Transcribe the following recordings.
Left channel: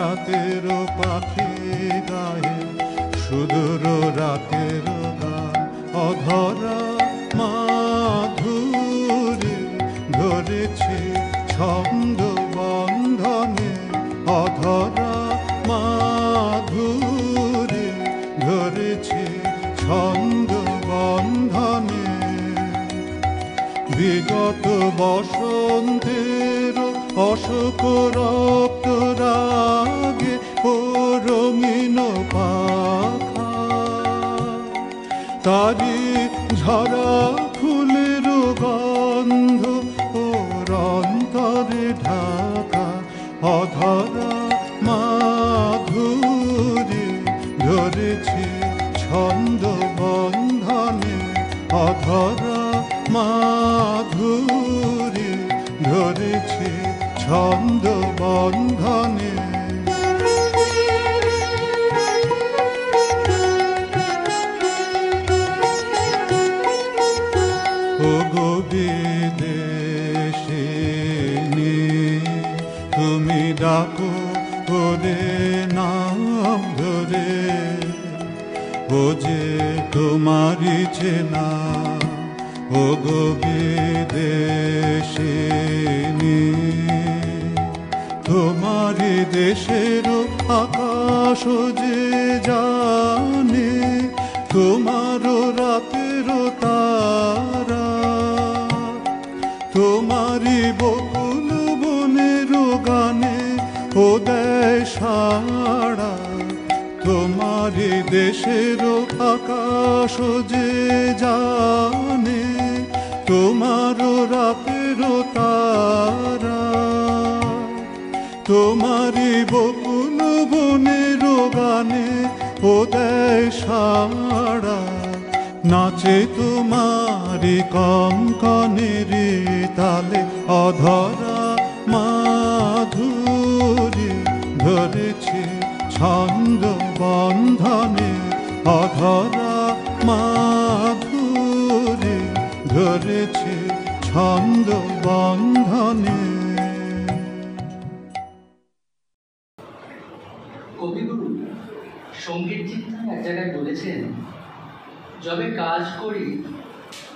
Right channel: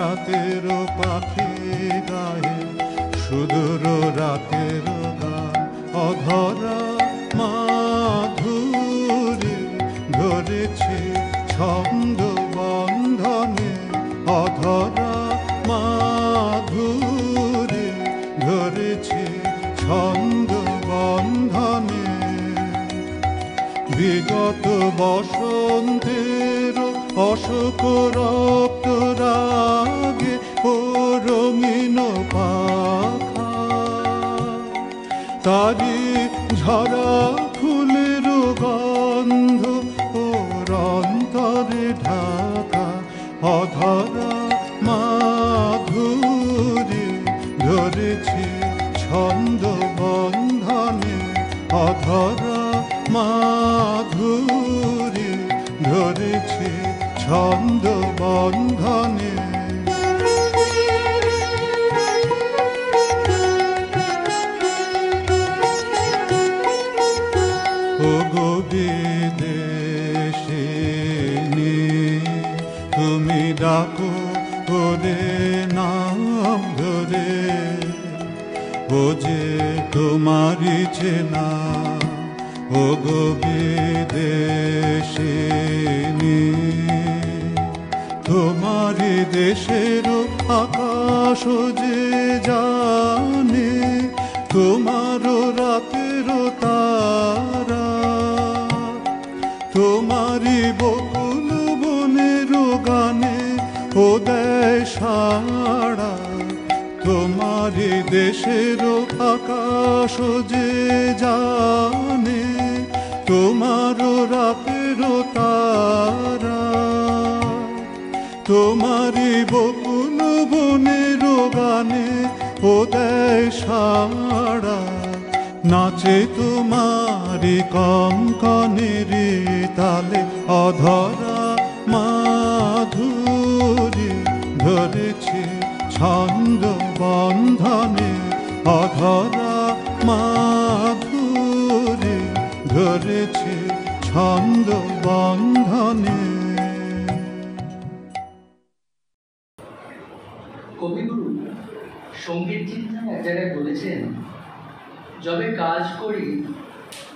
রাতের পাখি গায়ে সুদূর রাতের গান অধরা মাধুরী ধরেছে ছন্দ বন্ধনে অধরা মাধুরী ধরেছে ছন্দ বন্ধনে বিগত বসন্তের অশোক রক্ত রাগে ও রঙিন পাখা তারি ঝরা ফুলের গন্ধ ওর অন্তরে ঢাকা অধরা মাধুরী ধরেছে ছন্দ বন্ধনে অধরা মাধুরী ধরেছে ছন্দ বন্ধনে ও গো বিদেশিনী তুমি ডাকো ওরে নাম ধরে ও যে তোমারই চেনা ও গো বিদেশিনী তোমারই দেশের আকাশ যে জানে তোমার রাতের তারা তোমারই বকুল বনের গানে ও দেয় সাড়া তোমারই দেশের আকাশ যে জানে তোমার রাতের তারা তোমারই বকুল বনের গানে ও দেয় সাড়া নাচে তোমারি কঙ্কনের তালে অধরা মাধুরী ধরেছে ছন্দ বন্ধনে অধরা মাধুরী ধরেছে ছন্দ বন্ধনে কবিগুরু সঙ্গীত চিন্তায় এক জায়গায় বলেছেন যবে কাজ করি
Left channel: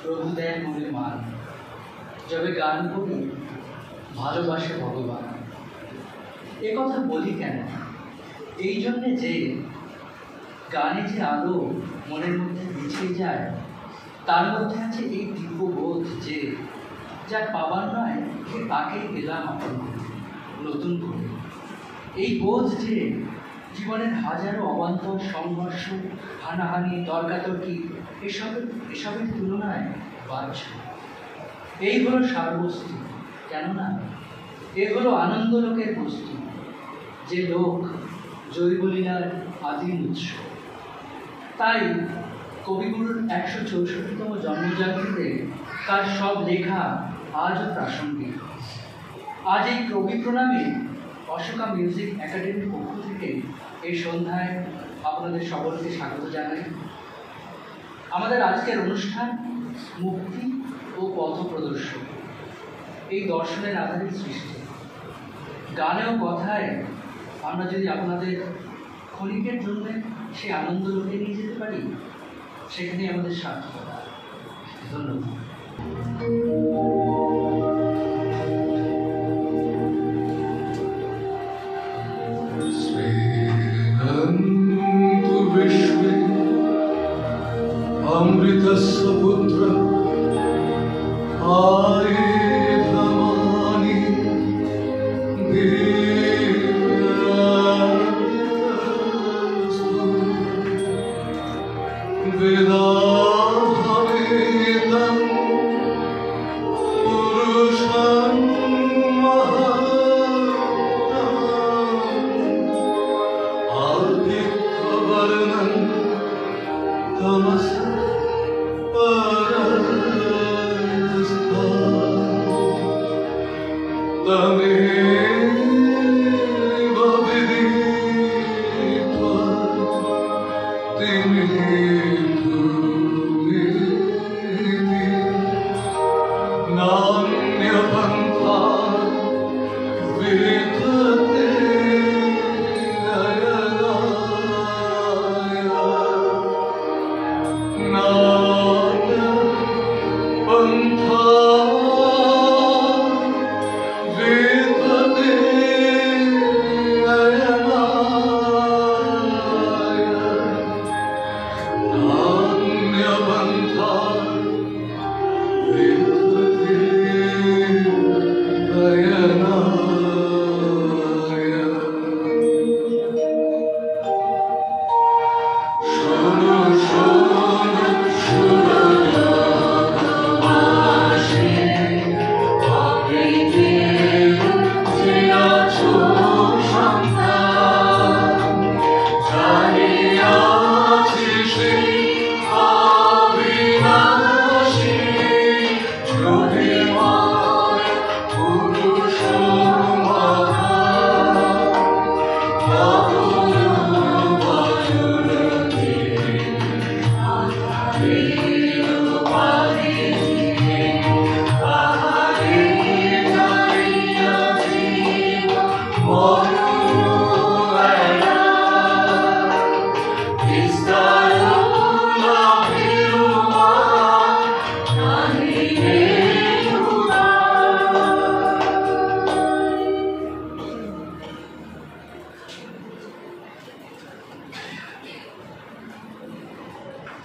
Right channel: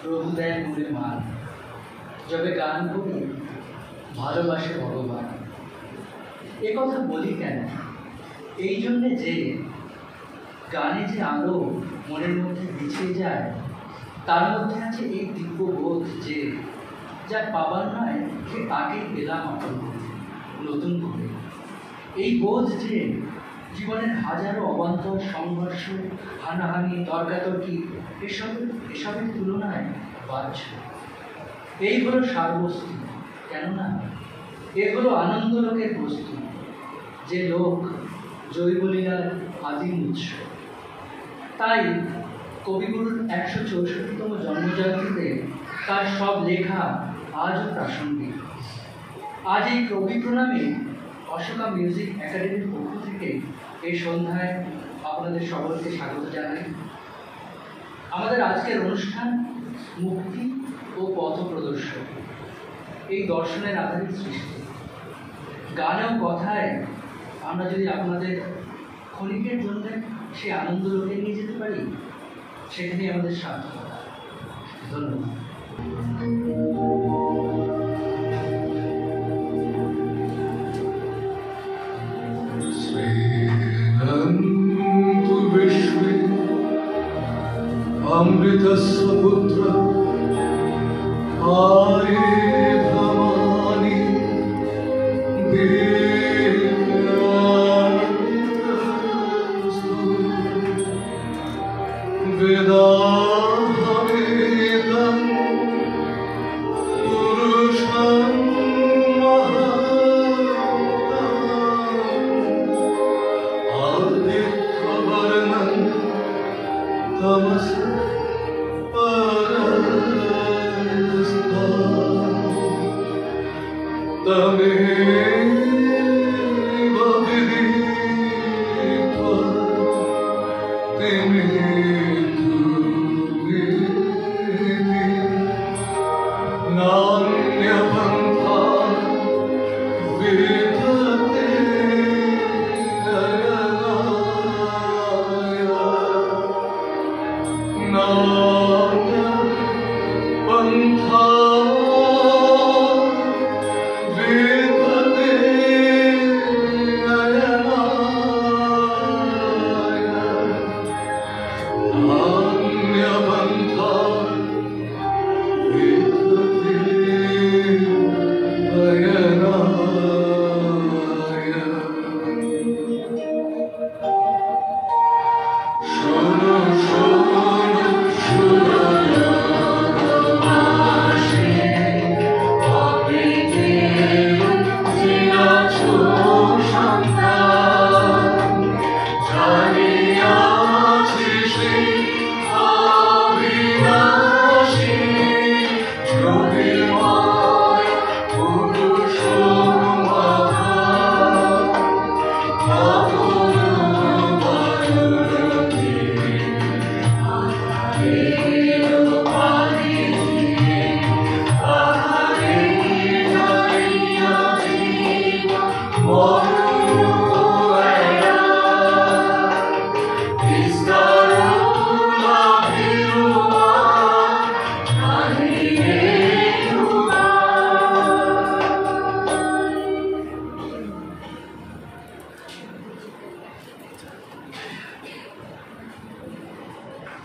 প্রভু দেয় মনে মান যবে গান করি ভালোবাসে ভগবান এ কথা বলি কেন এই জন্যে যে গানে যে আলো মনের মধ্যে বিছিয়ে যায় তার মধ্যে আছে এই দিব্যবোধ যে যা পাবার নয় সে তাকেই পেলাম নতুন করে এই বোধ যে জীবনের হাজারো অবান্তর সংঘর্ষ হানাহানি তর্কাতর্কি এসবের তুলনায় বাহ্য এই হলো সারবস্তু কেননা এ হলো আনন্দলোকের বস্তু যে লোক জৈবলীলার আদিম উৎস তাই কবিগুরুর ১৬৪তম জন্মজয়ন্তীতে তার সব লেখা আজও প্রাসঙ্গিক আজ এই কবি প্রণামে অশোকা মিউজিক একাডেমির পক্ষ থেকে এই সন্ধ্যায় আপনাদের সকলকে স্বাগত জানাই আমাদের আজকের অনুষ্ঠান মুক্তি ও পথ প্রদর্শন এই দর্শনের আধারিত সৃষ্টি গানে ও কথায় আমরা যদি আপনাদের ক্ষণিকের জন্য সেই আনন্দ লোকে নিয়ে যেতে পারি সেখানে আমাদের সার্থকতা ধন্যবাদ अमृतस्य पुत्र आयुधमानि दिव्यास्तु वेदाहमेतं पुरुषं महात्मानं आदित्यवर्णं तमसा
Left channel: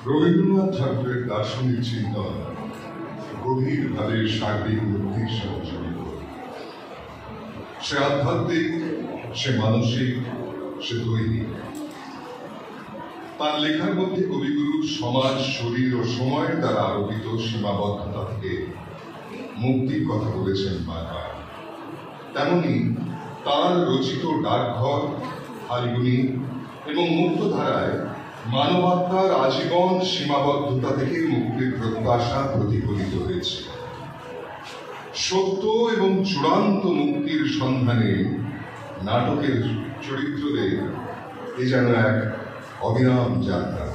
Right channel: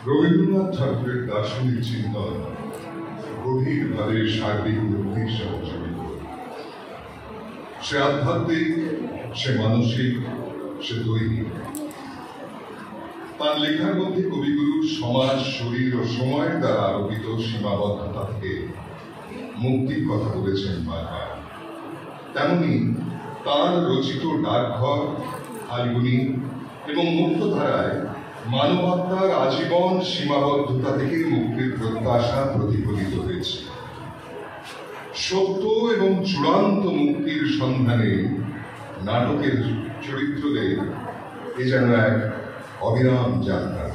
রবীন্দ্রনাথ ঠাকুরের দার্শনিক চিন্তন গভীরভাবে সার্বিক মুক্তির সাথে জড়িত। সে আধ্যাত্মিক, সে মানসিক, সে দৈহিক। তার লেখার মধ্যে কবিগুরু সমাজ, শরীর ও সময়ের দ্বারা আরোপিত সীমাবদ্ধতা থেকে মুক্তির কথা বলেছেন বারবার। তেমনি তাঁর রচিত ডাকঘর, ফাল্গুনী এবং মুক্তধারায় মানবাত্মার আজীবন সীমাবদ্ধতা থেকে মুক্তির প্রত্যাশা প্রতিফলিত হয়েছে। সত্য এবং চূড়ান্ত মুক্তির সন্ধানে নাটকের চরিত্রদের এ যেন এক অবিরাম যাত্রা।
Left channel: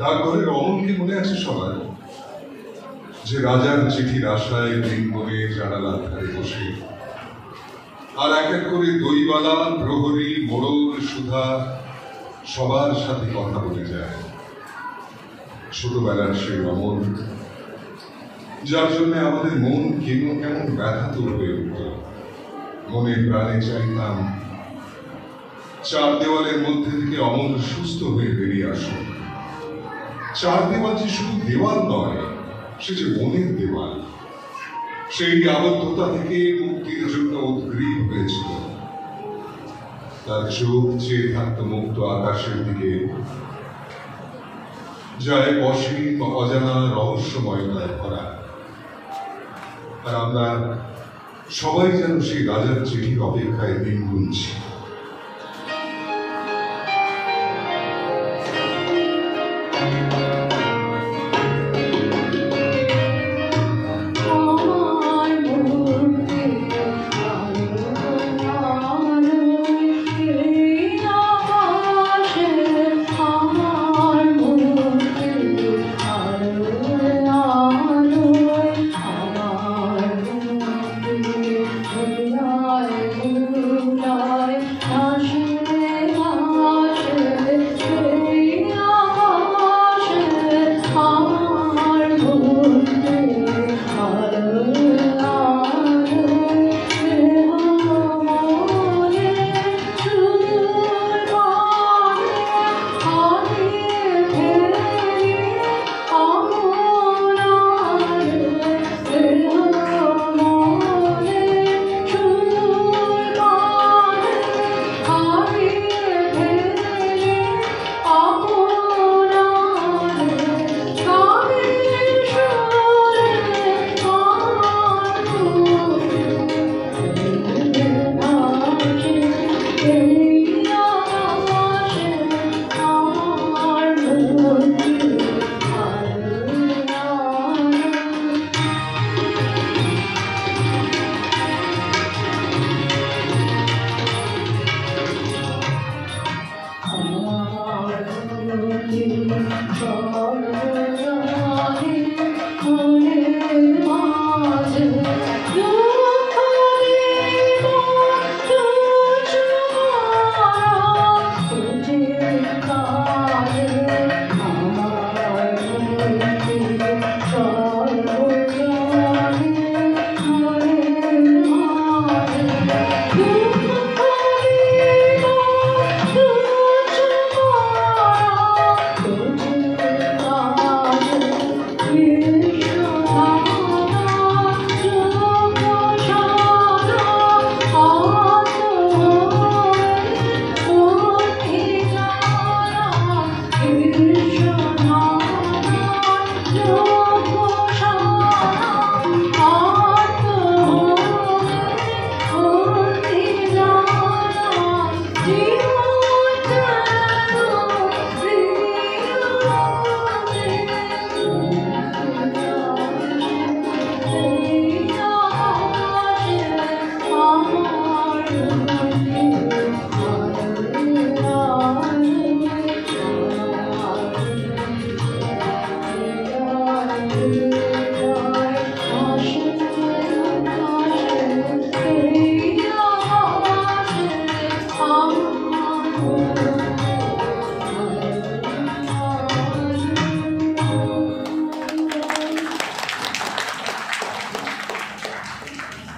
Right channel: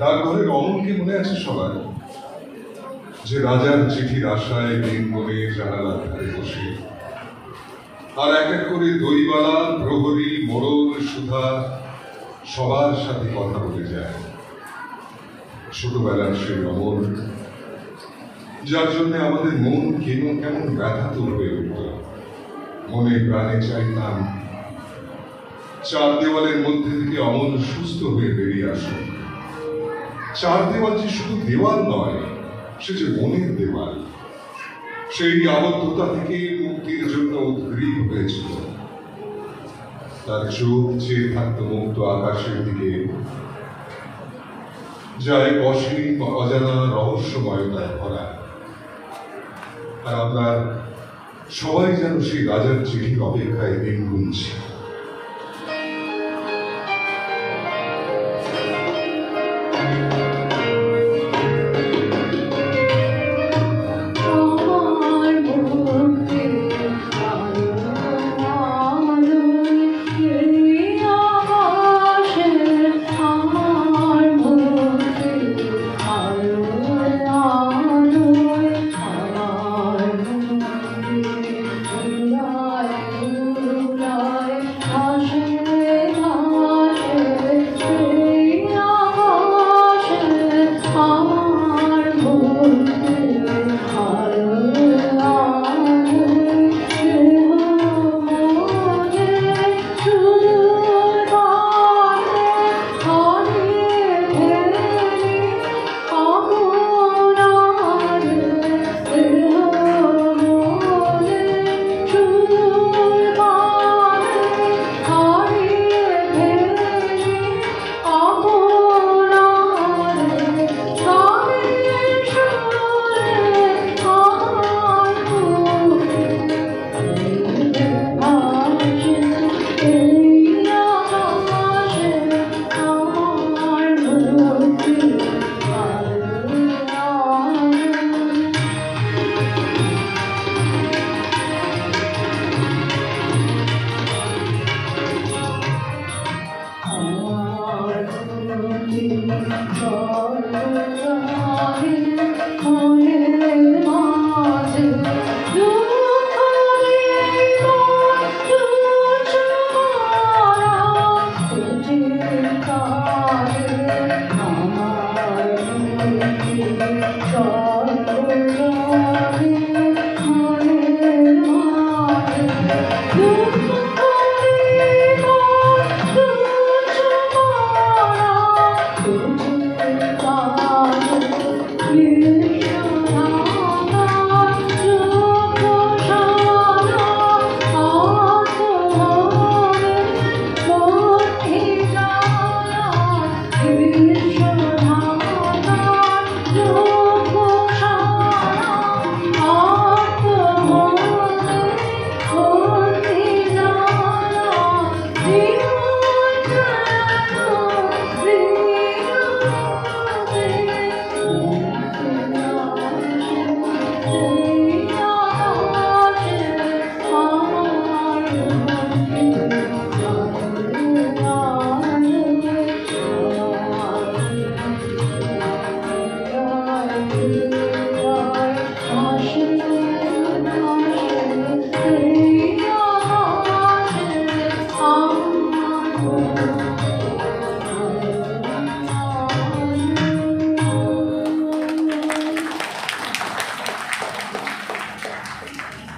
ডাকঘরের অমলকে মনে আছে সবার, যে রাজার চিঠির আশায় দিন মনে জানালার ধারে বসে আর এক এক করে দইবালা, প্রহরী, মোড়ল, সুধা সবার সাথে কথা বলে যায়। ছোটবেলার সেই অমল, যার জন্য আমাদের মন কেমন কেমন ব্যথাতুর হয়ে উঠত। মনে প্রাণে চাইতাম চার দেওয়ালের মধ্যে থেকে অমল সুস্থ হয়ে বেরিয়ে আসুন। চার দেওয়াল যে শুধু দেওয়াল নয়, সে যে মনের দেওয়াল। সেই আবদ্ধতা থেকে মুক্তির জন্য উদ্গ্রীব হয়েছিল। তার চোখ চেয়ে থাকত মুক্ত আকাশের দিকে, যা এক অসীম অজানা রহস্যময়তায় ভরা। আর আমরা সবাই যেন সেই রাজার চিঠির অপেক্ষায় দিন গুনছি।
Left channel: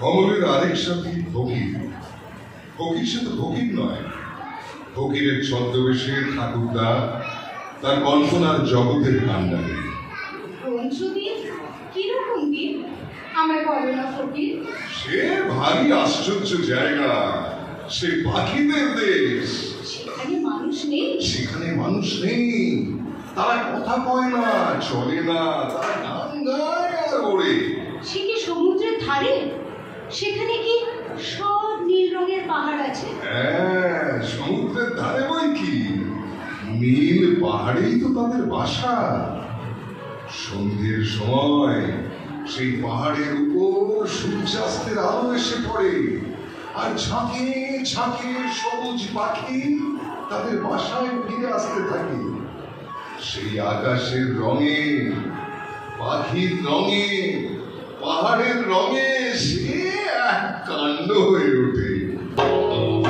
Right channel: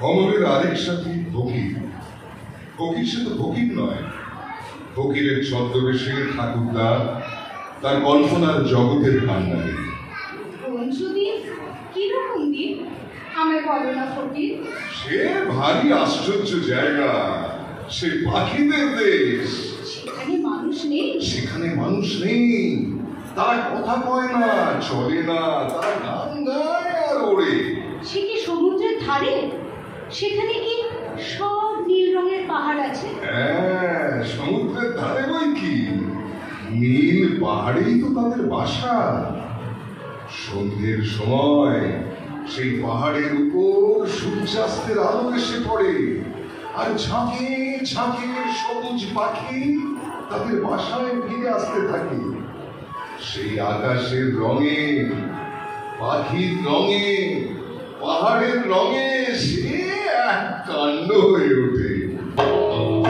অমলের আরেক সাথী ফকির। ফকির সে তো ফকির নয়, ফকিরের ছদ্মবেশে ঠাকুরদা তার কল্পনার জগতের ভান্ডারে। কিরকম দিন আমায় বলো না ফকির। সে ভারী আশ্চর্য জায়গা, সে পাখিদের দেশ। সেখানে মানুষ নেই? সেখানে মানুষ নেই, তারা কথা কয় না, চলে না, তারা গান গায় আর ওড়ে। সে কি সমুদ্রের ধারে? সেখানে কি সব নীল রঙের পাহাড় আছে? হ্যাঁ, সমুদ্রের ধারে বই কি, নীল পাহাড়েই তো তাদের বাসা। সন্ধ্যের সময় সেই পাহাড়ের উপর সূর্যাস্তের আলো এসে পড়ে, আর ঝাঁকে ঝাঁকে সবুজ পাখি তাদের বাসায় ফিরে আসতে থাকে। সেই আকাশের রঙে, পাখির রঙে, পাহাড়ের রঙে সে এক কাণ্ড হয়ে ওঠে। Oh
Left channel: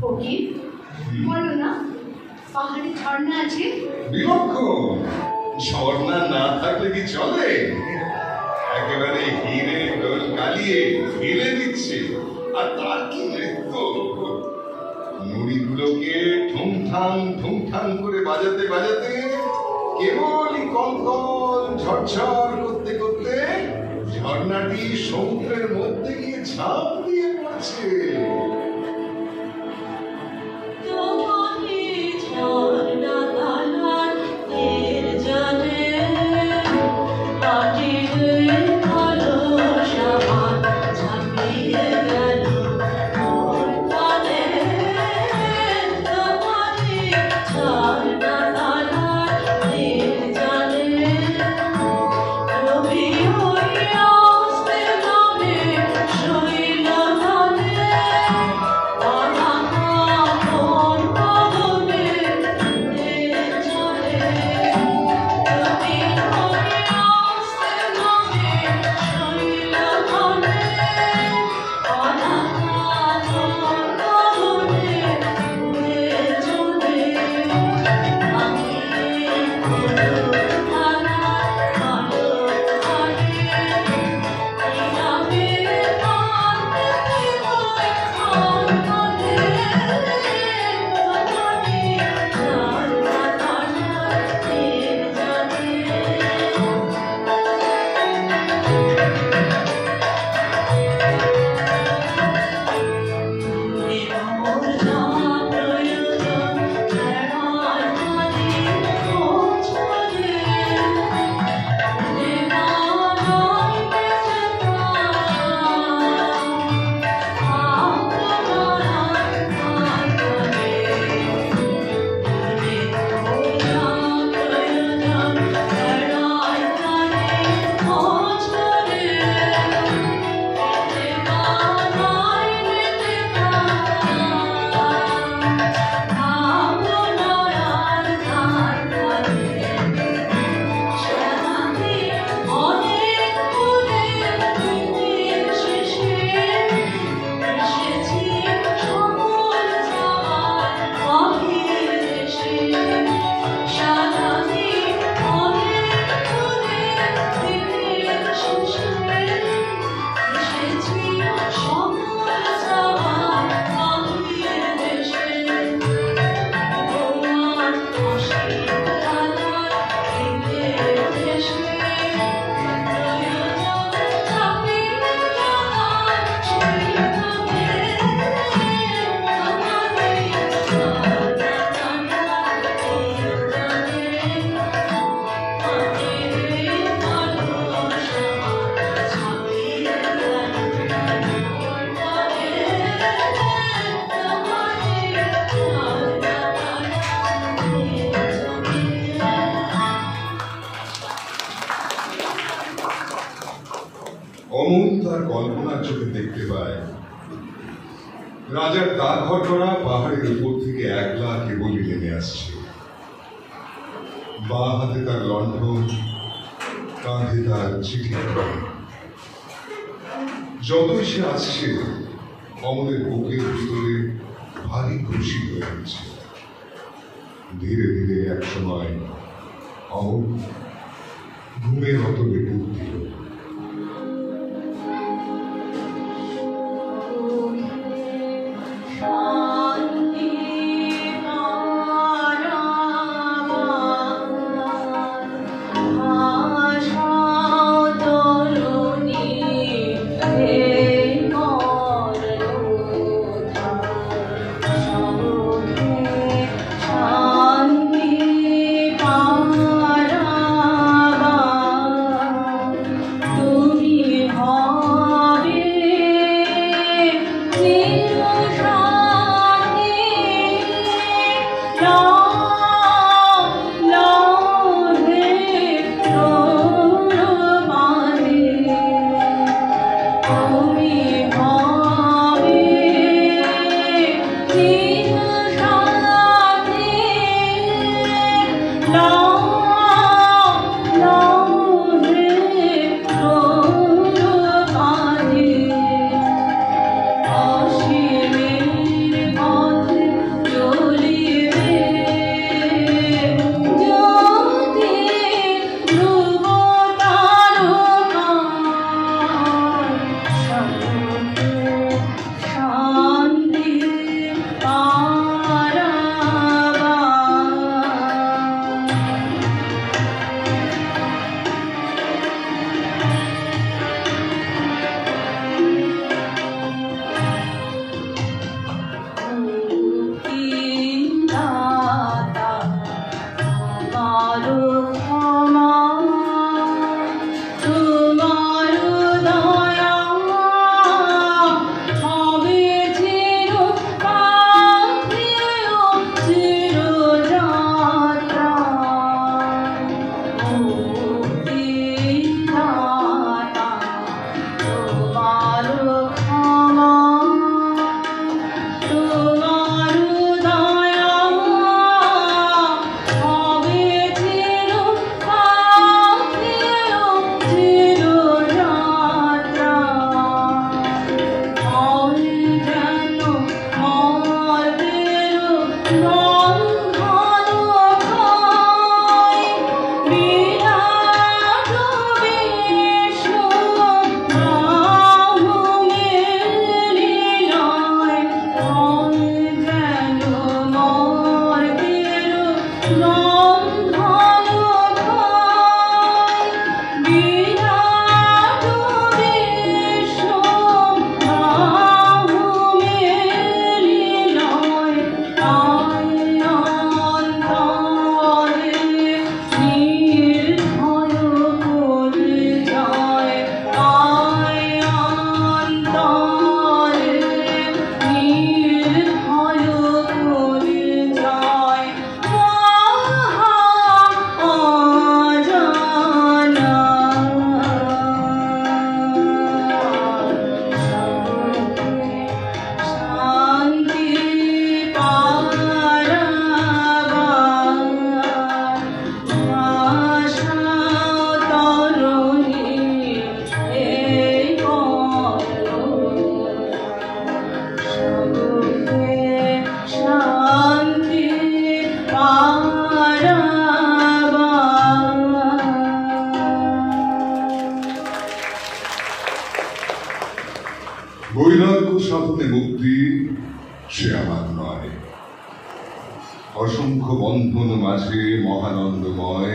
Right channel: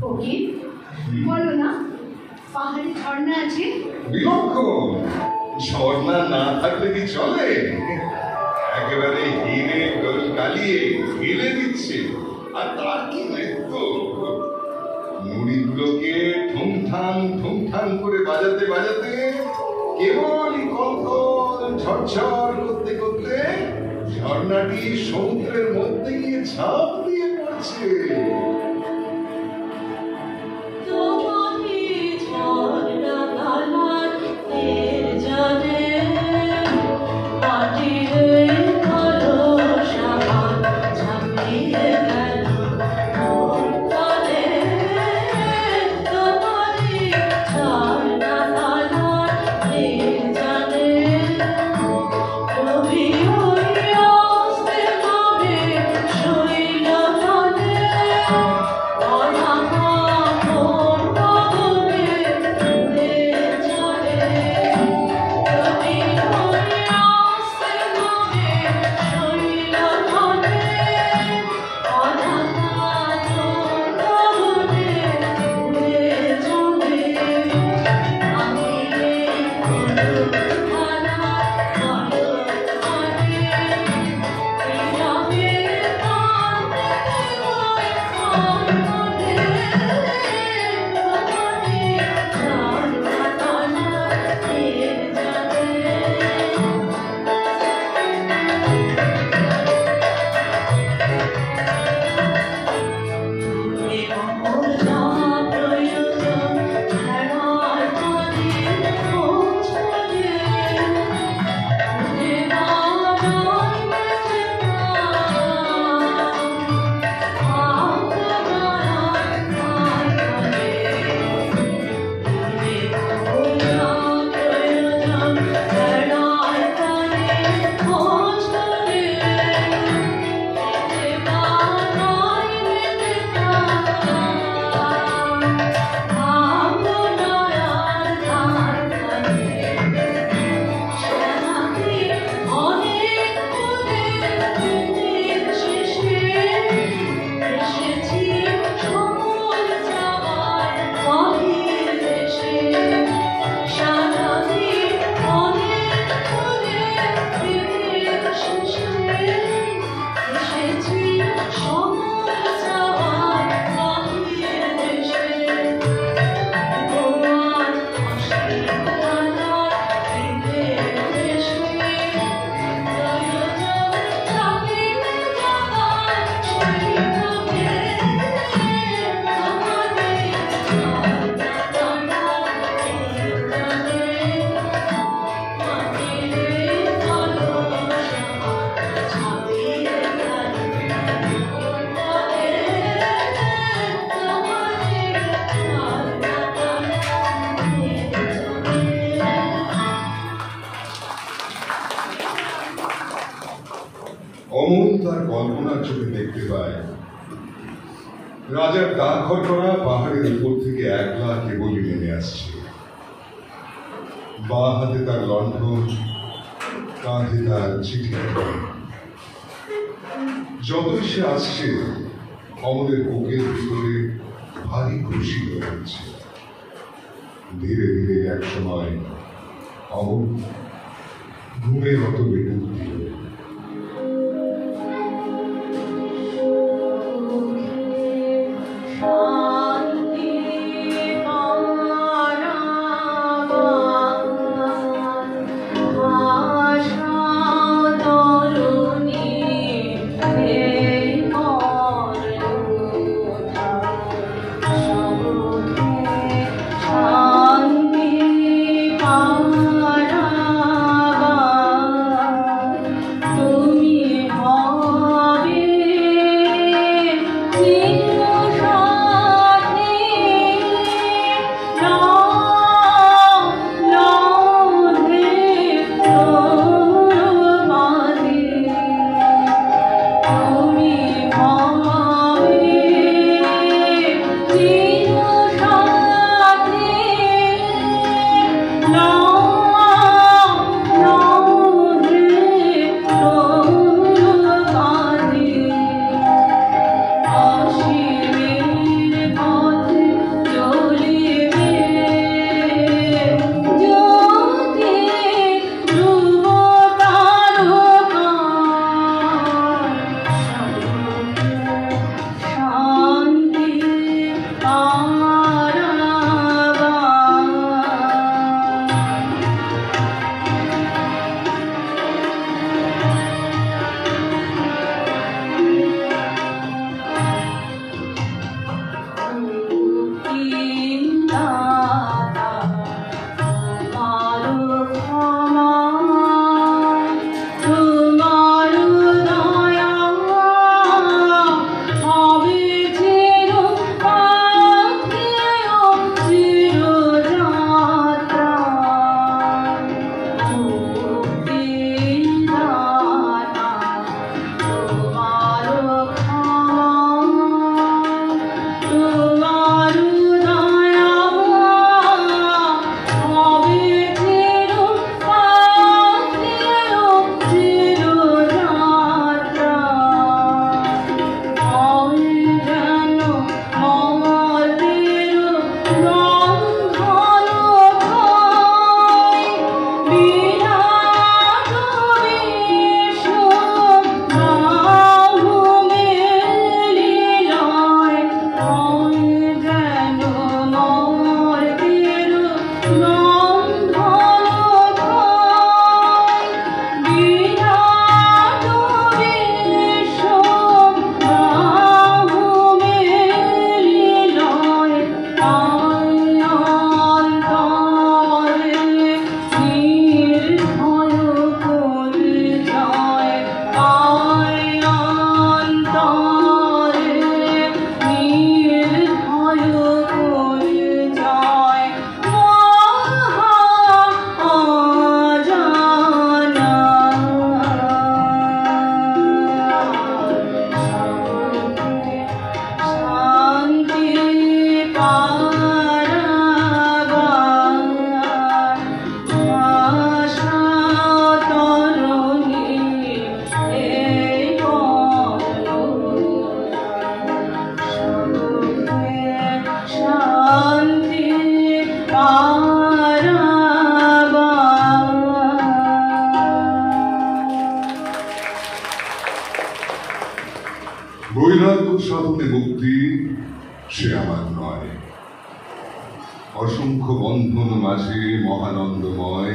ফকির, বলো না, পাহাড়ে ঝর্ণা আছে? বিলক্ষণ, ঝর্ণা না থাকলে কি চলে? একেবারে হিরে ডোল কালিয়ে ফেলে দিচ্ছে, আর তার কি নৃত্য! নুড়িগুলোকে ঠুংঠাং ঠুংঠাং করে বাজাতে বাজাতে কেবলই কঙ্কন ঝরঝর করতে করতে ঝর্ণাটি সমুদ্রের মধ্যে গিয়ে ঝাঁপ দিয়ে পড়ছে। অমল তার কল্পনার চোখে দেখতে পায় রাজার দা ঘটনা পাহাড়ের উপর থেকে একলা কেবলই নেমে আসছে। বা হাতে তার লণ্ঠন, কাঁধে তার চিঠি। যতই সে আসছে অমলের বুকের ভিতরে ভারী খুশি হয়ে যাচ্ছে। ধীরে ধীরে এক সময় অমল ঘুমের মতো ডুব দিল। সাধনে মুক্তি সে আমার নয়। অসংখ্য বন্ধন মাঝে মহানন্দময়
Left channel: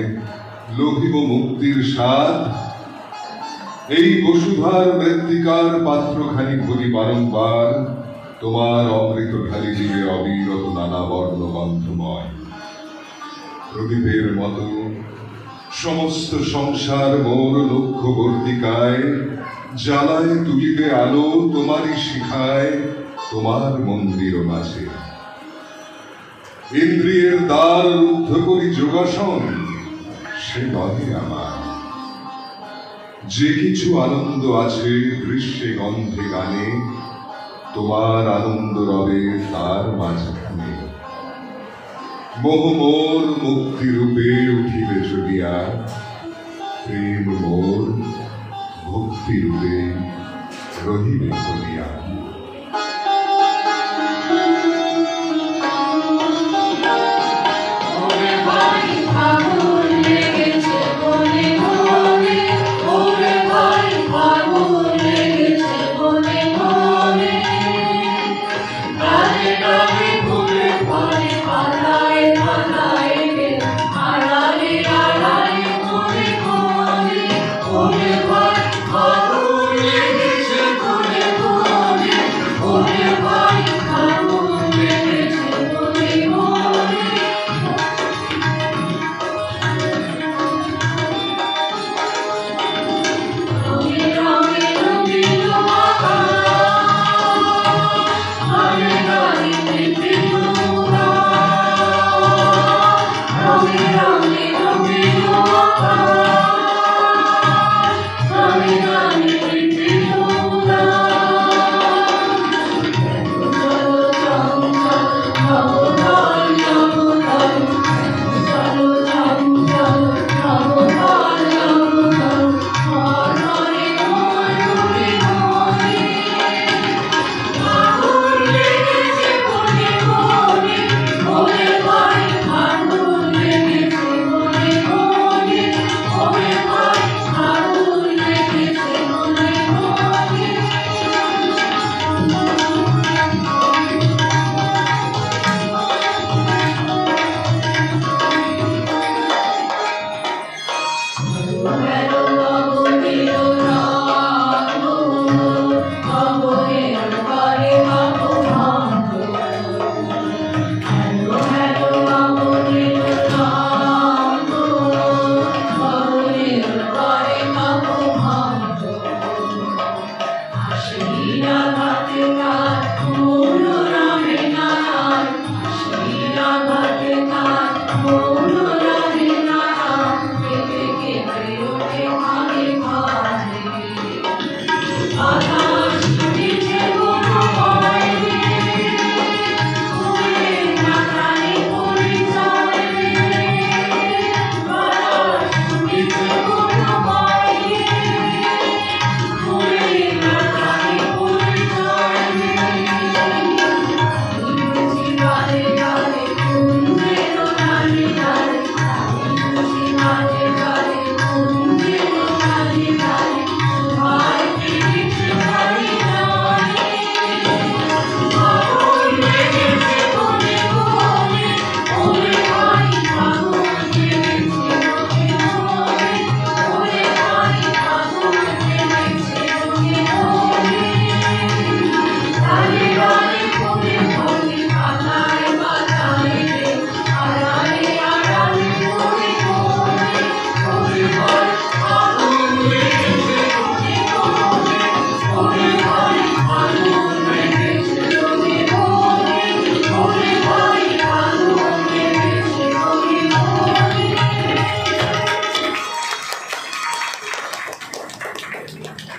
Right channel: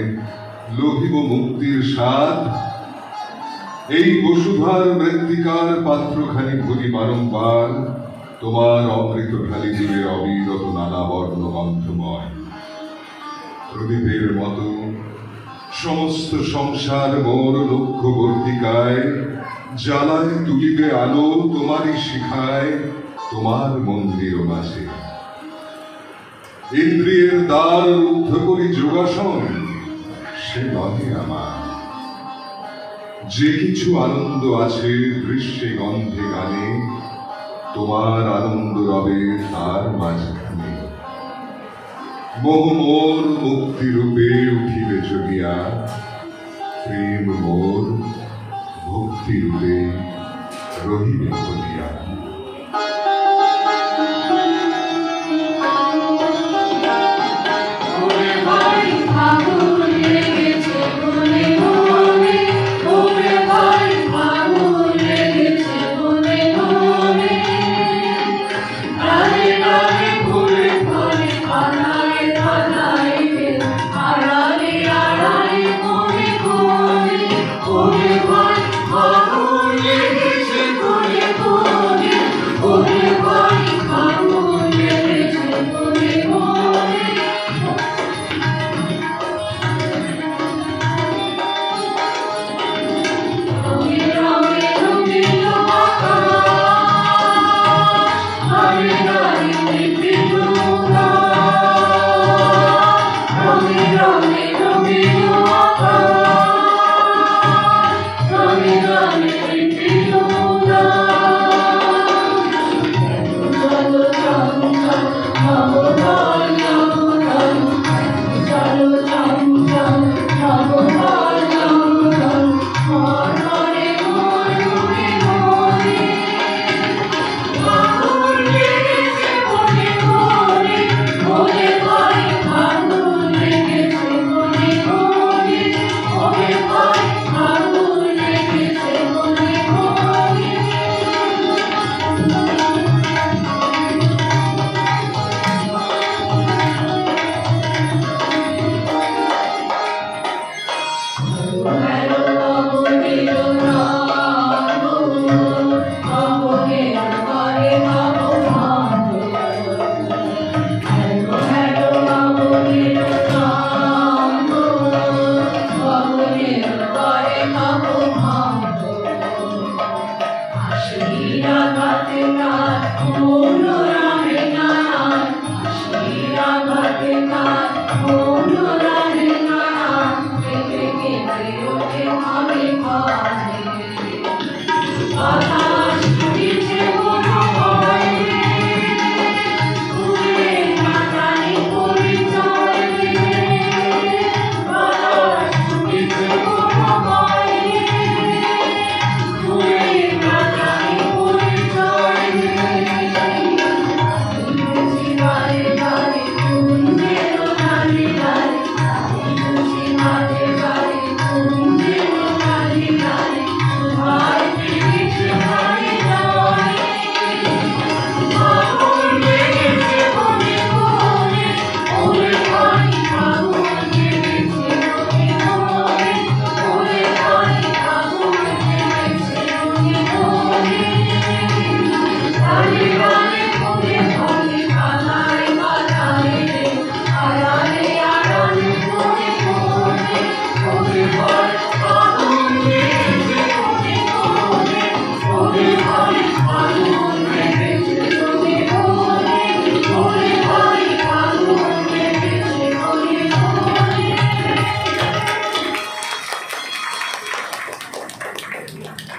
লোভিব মুক্তির স্বাদ। এই বসুধার মৃত্তিকার পাত্রখানি ভরি বারংবার তোমার অমৃত ঢালি দিলে অবিরত নানা বর্ণ গন্ধময়। প্রদীপের মতো সমস্ত সংসার মোর লক্ষ্যবর্তিকায় জ্বালায় তুলিবে আলো তোমারই শিখায় তোমার মন্দির মাঝে। ইন্দ্রিয়ের দ্বার রুদ্ধ করি যোগাসন সে নহে আমার। যে কিছু আনন্দ আছে দৃশ্যে গন্ধে গানে তোমার আনন্দ রবে তার মাঝখানে। মোহ মোর মুক্তি রূপে উঠিবে চলিয়া, প্রেম মোর ভক্তি রূপে রহিবে চলিয়া।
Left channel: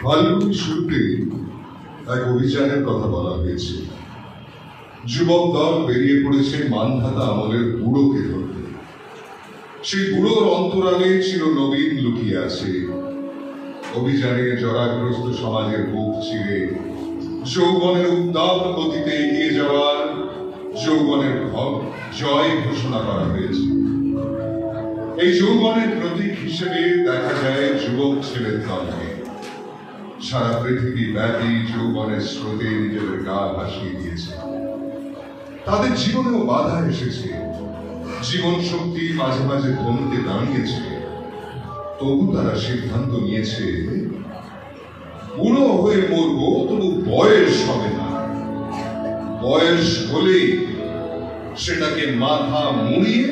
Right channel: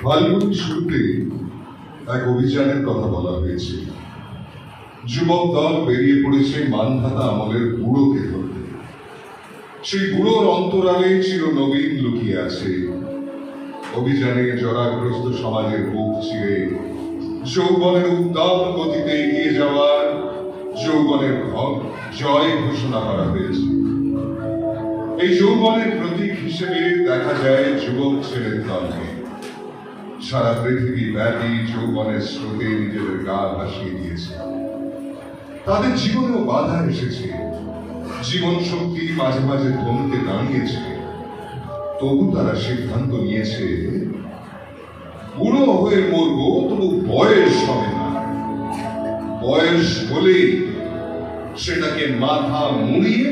ফাল্গুনের শুরুতে এক অভিযানের কথা বলা হয়েছে। যুবক দল বেরিয়ে পড়েছে মানধাতা আমলের বুড়োকে ধরতে। সেই বুড়োর অন্তরালে চিরনবীন লুকিয়ে আছে। অভিযানে জরাগ্রস্ত সমাজের বুক চিরে যৌবনের উদ্দাম গতিতে এগিয়ে যাওয়ার যৌবনের জয় ঘোষণা করা হয়েছে। এই যৌবনের প্রতীক হিসেবে দেখা যায় যুবক ছেলের দলকে। সারা পৃথিবী ব্যাপী যৌবনের স্রোতে নিজেদের গা ভাসিয়ে দিয়েছে। তাদের জীবনেও বাধা এসেছে, জীবন শক্তি মাঝে মাঝে থমকে দাঁড়িয়েছে। তবু তারা সিদ্ধান্ত নিয়েছে, বুড়ো হয়ে মরব, তবু বয়স হবে না। বয়স হলে সেটাকে মাথা মুড়িয়ে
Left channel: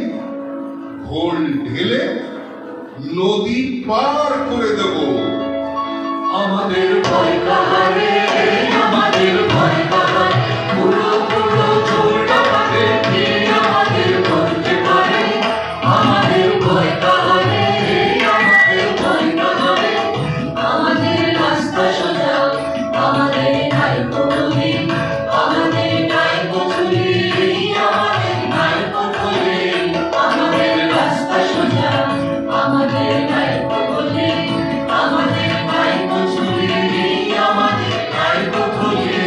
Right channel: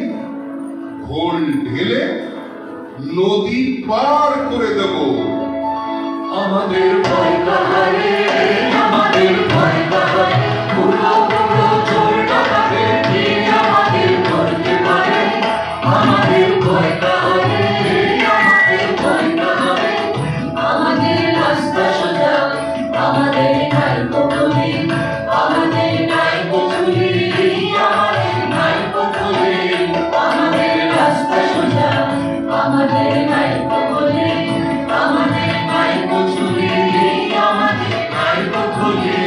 ঘোল ঢেলে নদী পার করে দেব। আমাদের ভয় কাহারে, আমাদের ভয় কাহারে, বুড়ো বুড়ো চোর ডাকাতে কে আমাদের ধরতে পারে? আমাদের ভয় কাহারে, আমাদের ভয় কাহারে, আমাদের রাস্তা সোজা, আমাদের নাই কঠোরে, আমাদের নাই কঠোরে, আমাদের নাই কঠোরে, আমাদের রাস্তা সোজা, আমাদের নাই কঠোরে, আমাদের নাই কঠোরে, আমাদের নাই কঠোরে।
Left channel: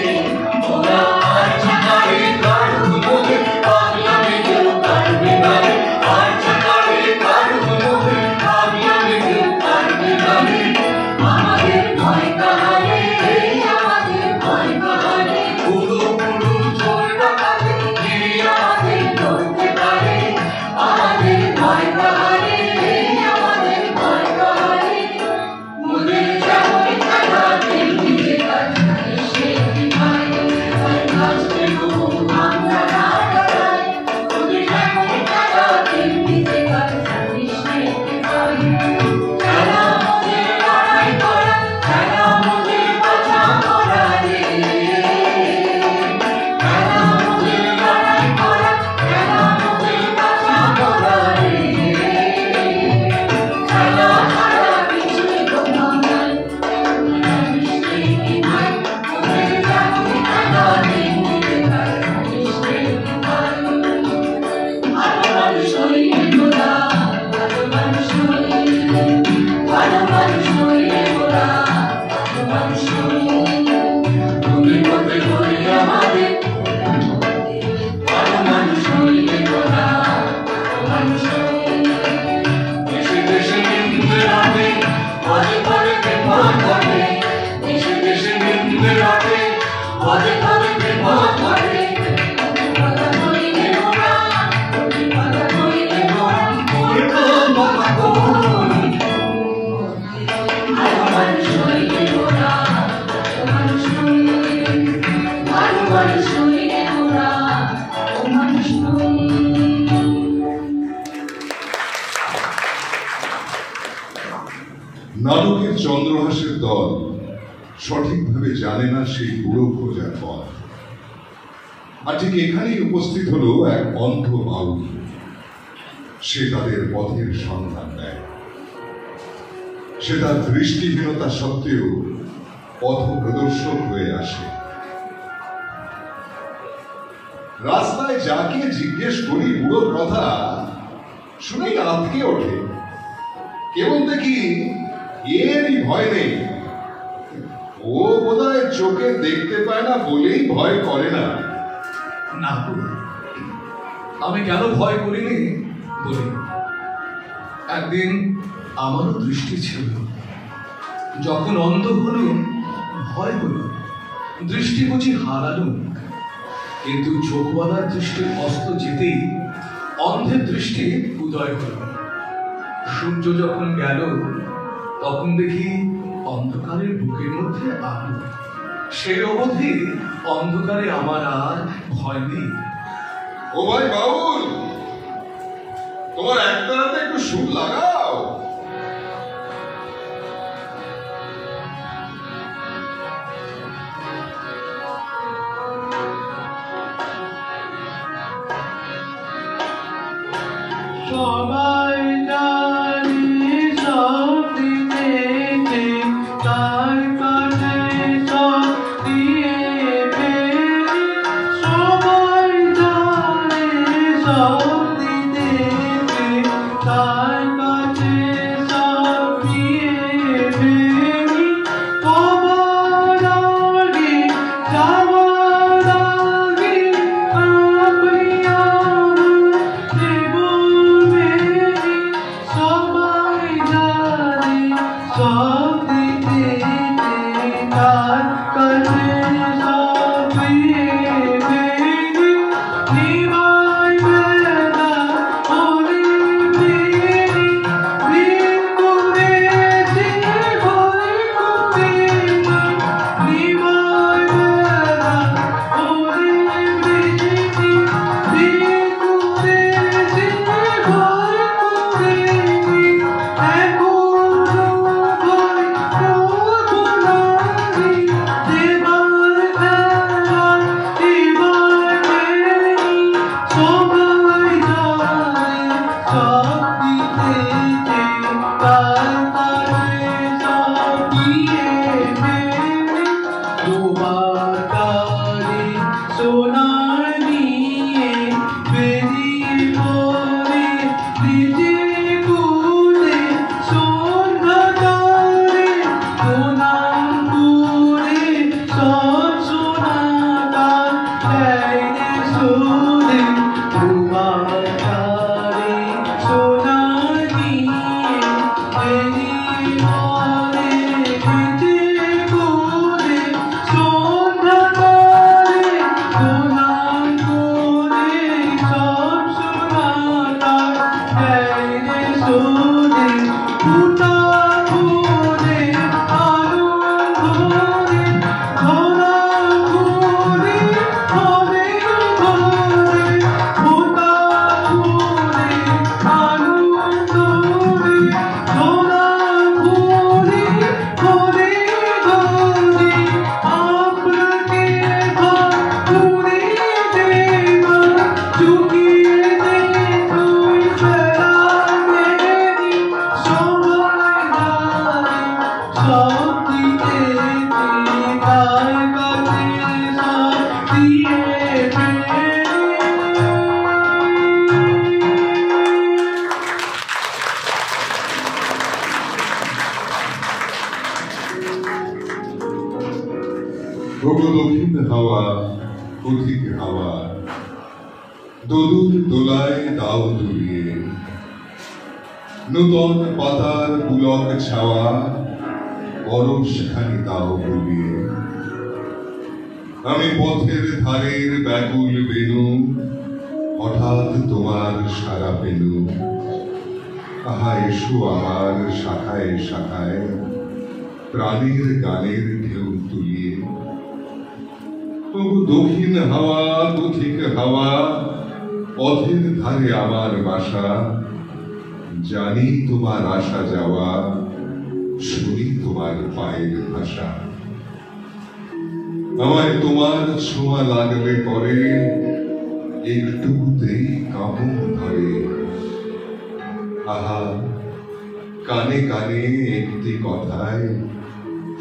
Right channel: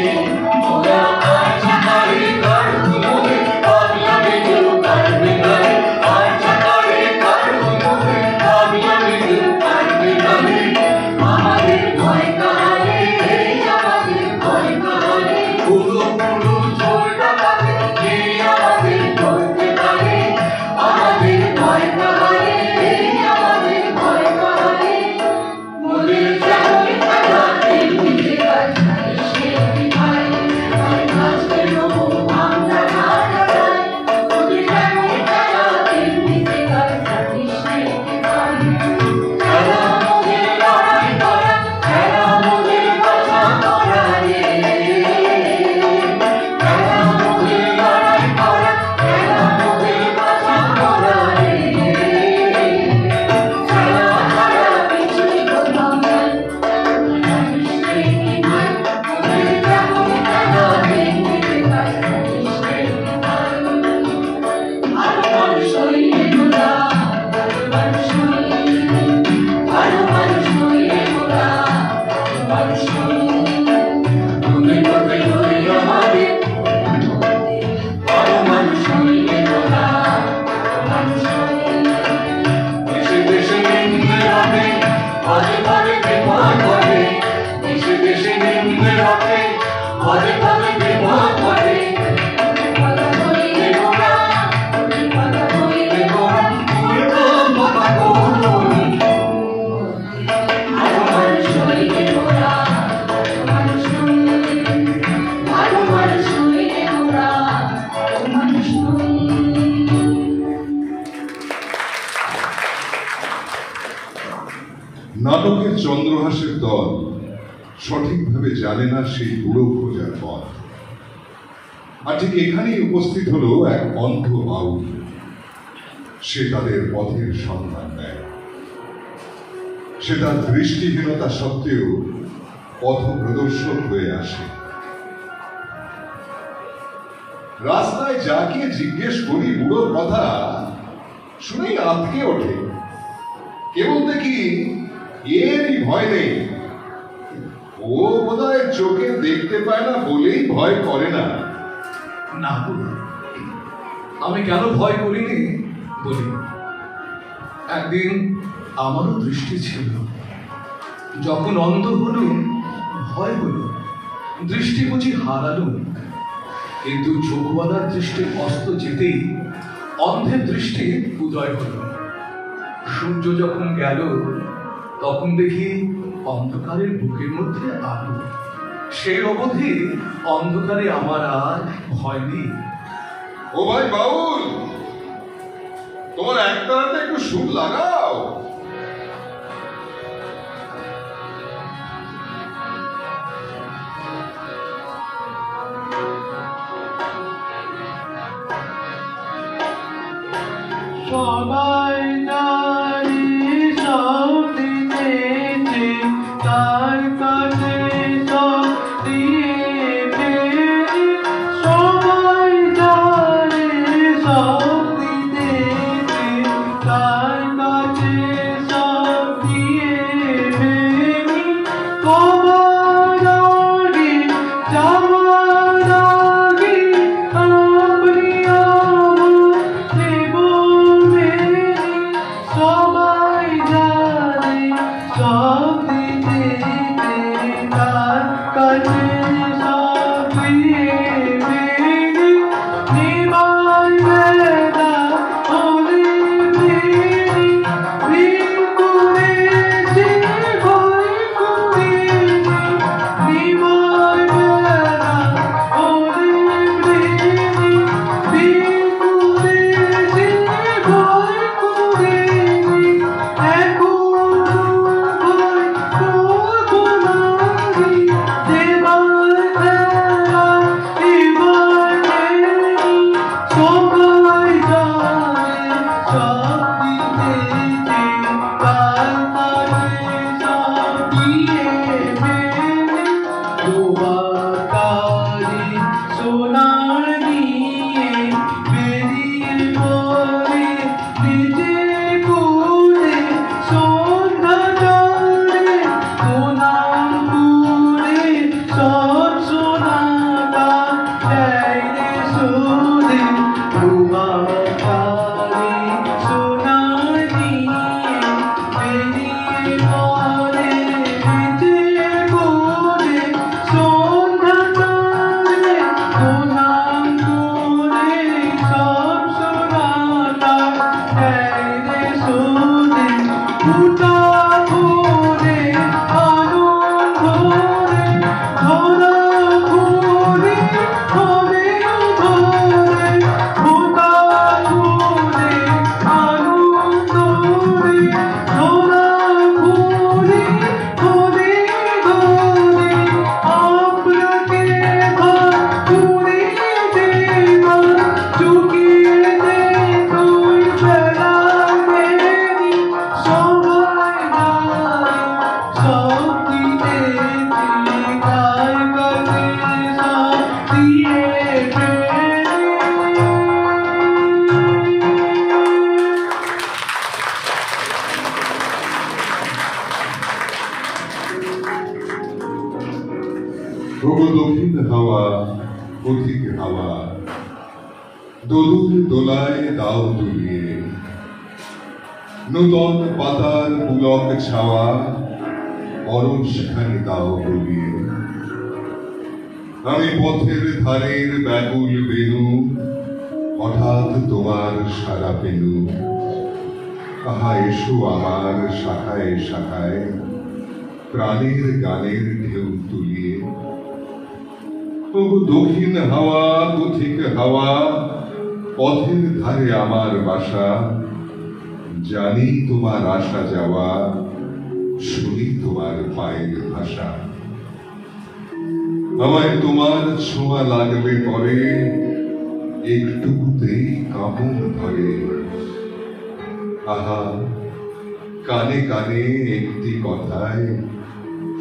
ওরা আর চাকারে কারুমোহে পাগলামি কেউ পারবে না, আর চাকারে কারুমোহে পাগলামি কেউ পারবে না। আমাদের ভয় কাহারে, আমাদের ভয় কাহারে, বুড়ো বুড়ো চোর ডাকাতে কে আমাদের ধরতে পারে? আমাদের ভয় কাহারে, আমাদের ভয় কাহারে, মোদের যেমন খেলা তেমনি কাজ, সে বিধায় তাই নাচতে নবো আমরা না ডাকাই। মোদের যেমন খেলা তেমনি কাজ, সে বিধায় খেলা মোদের লড়াই করা, খেলা মোদের বাঁচা করা রে। খেলা মোদের লড়াই করা, খেলা মোদের বাঁচা করা রে। খেলা ছাড়া কিছুই কোথাও নাই, সে বিধায় মোদের যেমন খেলা তেমনি কাজ, সে বিধায়। ভালো মানুষ হইলে তোরা, ভালো মানুষ হইলে, ভালো মানুষ হইলে তোরা, ভালো মানুষ হইলে, তুমি পথে ধরে আমাদের, ভালো মানুষ হইলে তোরা, ভালো মানুষ হইলে। দেশে দেশে নিন্দে রাখে, পদে পদে বিপদ ঘটে, দেশে দেশে নিন্দে রাখে, পদে পদে বিপদ ঘটে। কথা কইলে তোরা, কথা কইলে তোরা, উল্টো কথা কই। ভালো মানুষ হইলে তোরা, ভালো মানুষ হইলে, ভালো মানুষ হইলে তোরা, ভালো মানুষ হইলে। নাটকের চন্দ্রহাসের দল সঠিকভাবে জানে না সেই বুড়ো খোঁজার পথ। আর ঠিক এখানেই উপস্থিত হলো এক অন্ধ বাউল। সে তাদের পথের সন্ধান দেয়। সে তার দৃষ্টিহীনতা সত্ত্বেও পথ প্রদর্শক হয়ে আসে। রাস্তায় যাকে জিজ্ঞেস করি বুড়োর কথা, শুনেই আঁতকে ওঠে। কেবল দেখি এরই ভয় নেই, ও বোধহয় চোখে দেখতে পায় না বলেই ভয় করে না। না, আমি কেন ভয় করিনি বলি। একদিন আমারও দৃষ্টি ছিল, যখন অন্ধ হল ভয় হল, দৃষ্টি বুঝি হারালো। কিন্তু চোখওয়ালার দৃষ্টি অস্ত যেতেই অন্ধের দৃষ্টি উদয় হল। সূর্য যখন গেল তখন দেখি অন্ধকারের বুকের মধ্যে আলো। সেই অবধি অন্ধকারে আমার আর ভয় নেই। ও ভাই বাউল, তোমার একটাতে একটু সুর লাগাও। সবাই জানি সব দিতেছে, তার কাছে সব দিয়েছে। সবাই জানে সব দিতেছে, তার কাছে সব দিয়েছে। কবর আগে যাওয়ার আগে আপনি আমাকে বলবেন, পথিক হাওয়া দোদুল দোলায় দাও দুলিয়ে, নূতন পাতার পুলক ছাওয়া পরশখানি দাও বলিয়ে। আমি পথের ধারের ব্যাকুল বেণু, হঠাৎ তোমার সারা পেনু। আহা এসো আমার শাখায় শাখায়, প্রাণের গানের ঢেউ তুলিয়ে। তবু দক্ষিণ হাওয়া পথিক হাওয়া, পথের ধারে আমার বাসা। জানি তোমার আসা যাওয়া, শুনি তোমার পায়ের ভাষা। আমায় তোমার ছোঁয়া লাগলে পরে, একটুতেই কাঁপন ধরে। আহা কানে কানে একটি কথায়,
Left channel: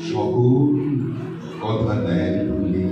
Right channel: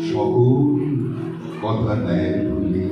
সকল কথা দেয় ভুলি।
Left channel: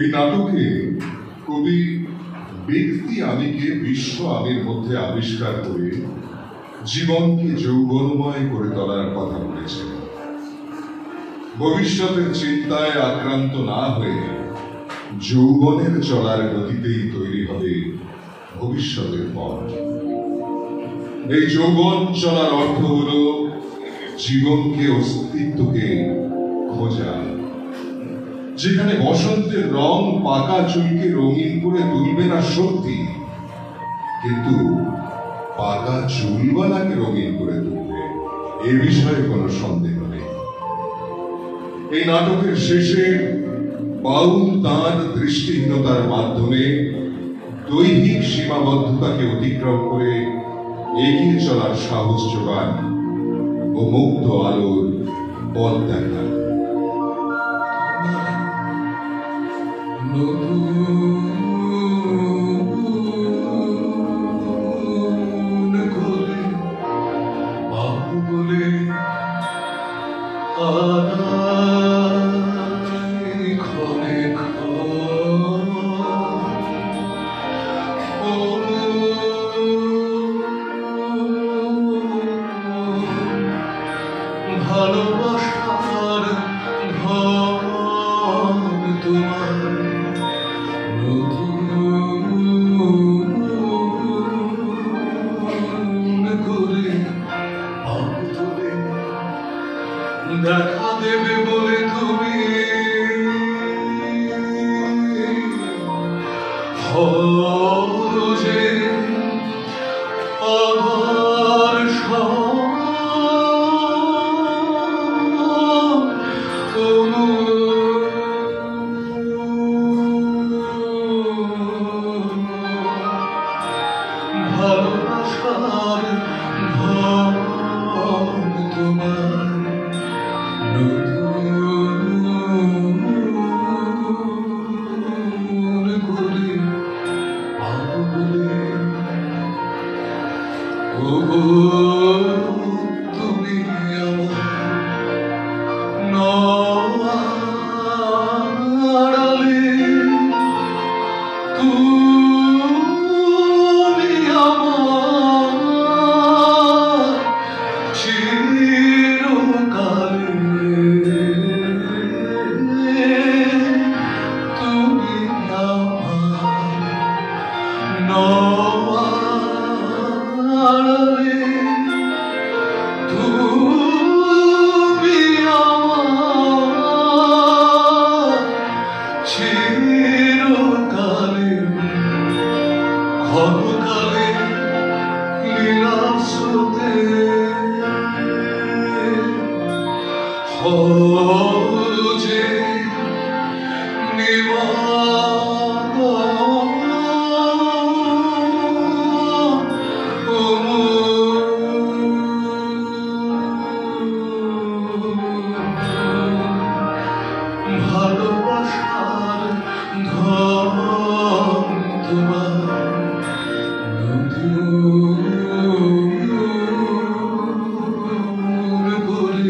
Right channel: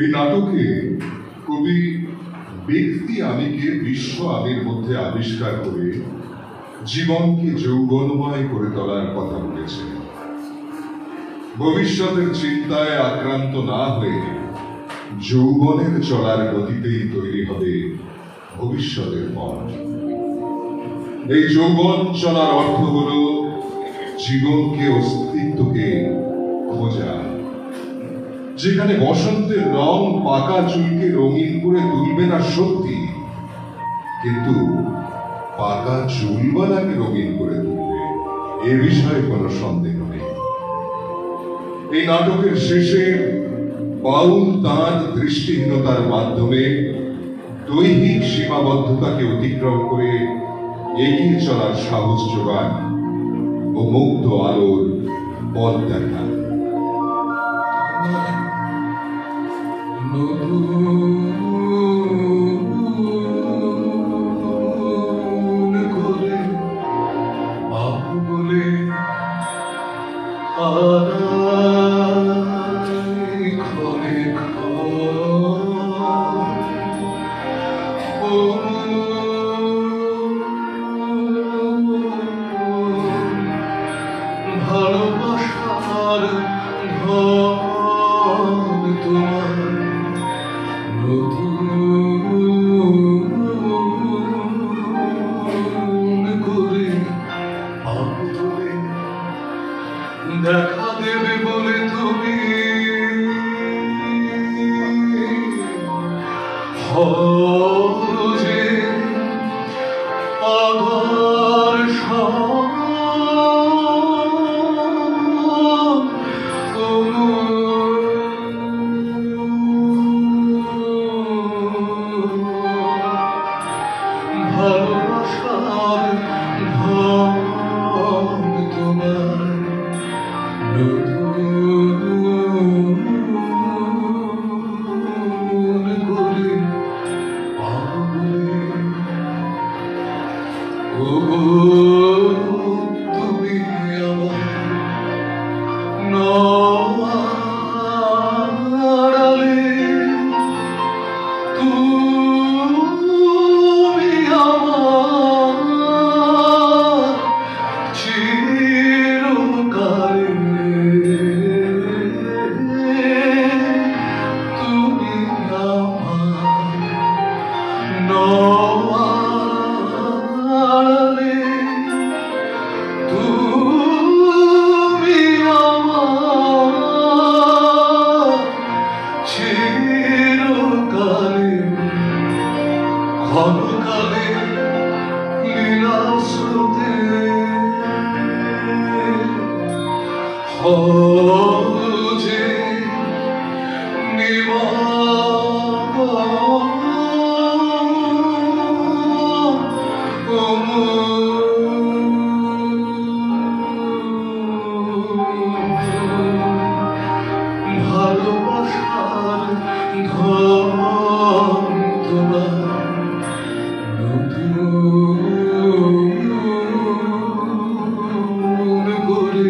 এই নাটকে কবি ব্যক্তি আমিকে বিশ্ব আমির মধ্যে আবিষ্কার করে জীবনকে যৌবনময় করে তোলার কথা বলেছেন। ভবিষ্যতের চিন্তায় আক্রান্ত না হয়ে যৌবনের চলার গতিতেই তৈরি হবে ভবিষ্যতের পথ। এই যৌবন চলার অর্থ হলো জীবনকে, অস্তিত্বকে খোঁজা। যেখানে বসন্তের রং পাকা চুলকে রঙিন করে তুলবে না সত্যি, কিন্তু পাকা চুলওয়ালাকে রঙিন করে তুলবে, এ বিষয়ে কোনো সন্দেহ নেই। এই নাটকের শেষে বাউল তাঁর দৃষ্টিহীনতার মাধ্যমে দৈহিক সীমাবদ্ধতাকে অতিক্রম করে এগিয়ে চলার সাহস যোগান ও মুক্ত আলোর পথ দেখান। ভালোবাসার ধন তোমার নতুন করে আদরে দেখা দেবে বলে তুমি হজে আবার ভালোবাসার ধন তোমার নতুন করে আদরে ও তুমি আমার নয়ালে তুমি আমার চিরকালে তুমি আমার নয়ালে তুমি আমার চিরকালে ক্ষণকালে নিরাসতে হজে ভালোবাসার ধন তোমার নতুন করে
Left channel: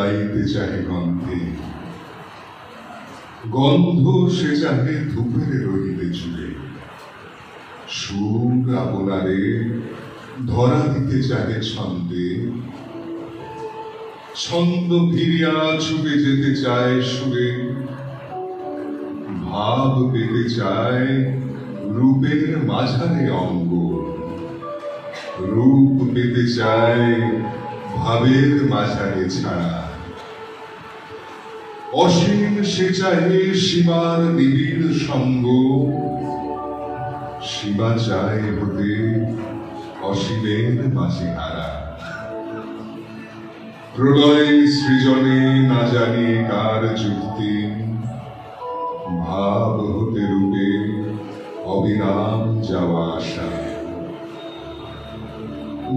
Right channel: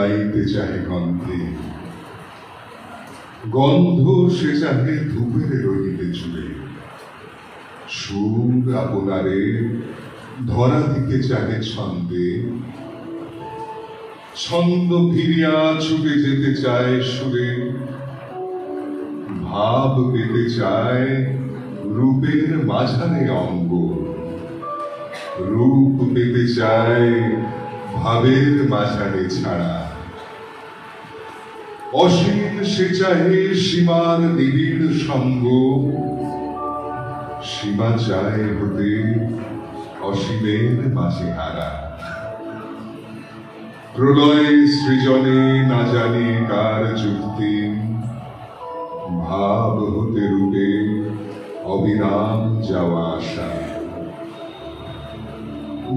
জুড়াইতে চাহে গন্ধে, গন্ধ সে চাহে ধূপের রহিতে চুড়ে, সুর আপনারে ধরা দিতে চাহে ছন্দে, ছন্দ ফিরিয়া ছুটে যেতে চায় সুরে, ভাব পেতে চায় রূপের মাঝারে অঙ্গ, রূপ পেতে চায় ভাবের মাঝারে ছাড়া, অসীম সে চাহে সীমার নিবিড় সঙ্গ, সীমা চায় হতে অসীমের মাঝে হারা। প্রলয় সৃজনে না জানি কার যুক্তি, ভাব হতে রূপে অবিরাম যাওয়া আসা,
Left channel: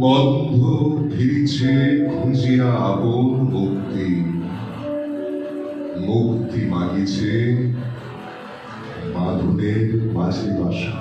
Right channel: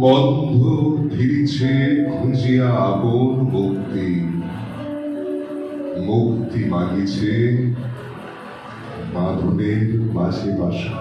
বন্ধ ফিরিছে খুঁজিয়া আপন মুক্তি, মুক্তি মাগিছে বাঁধনের মাঝে বাসা।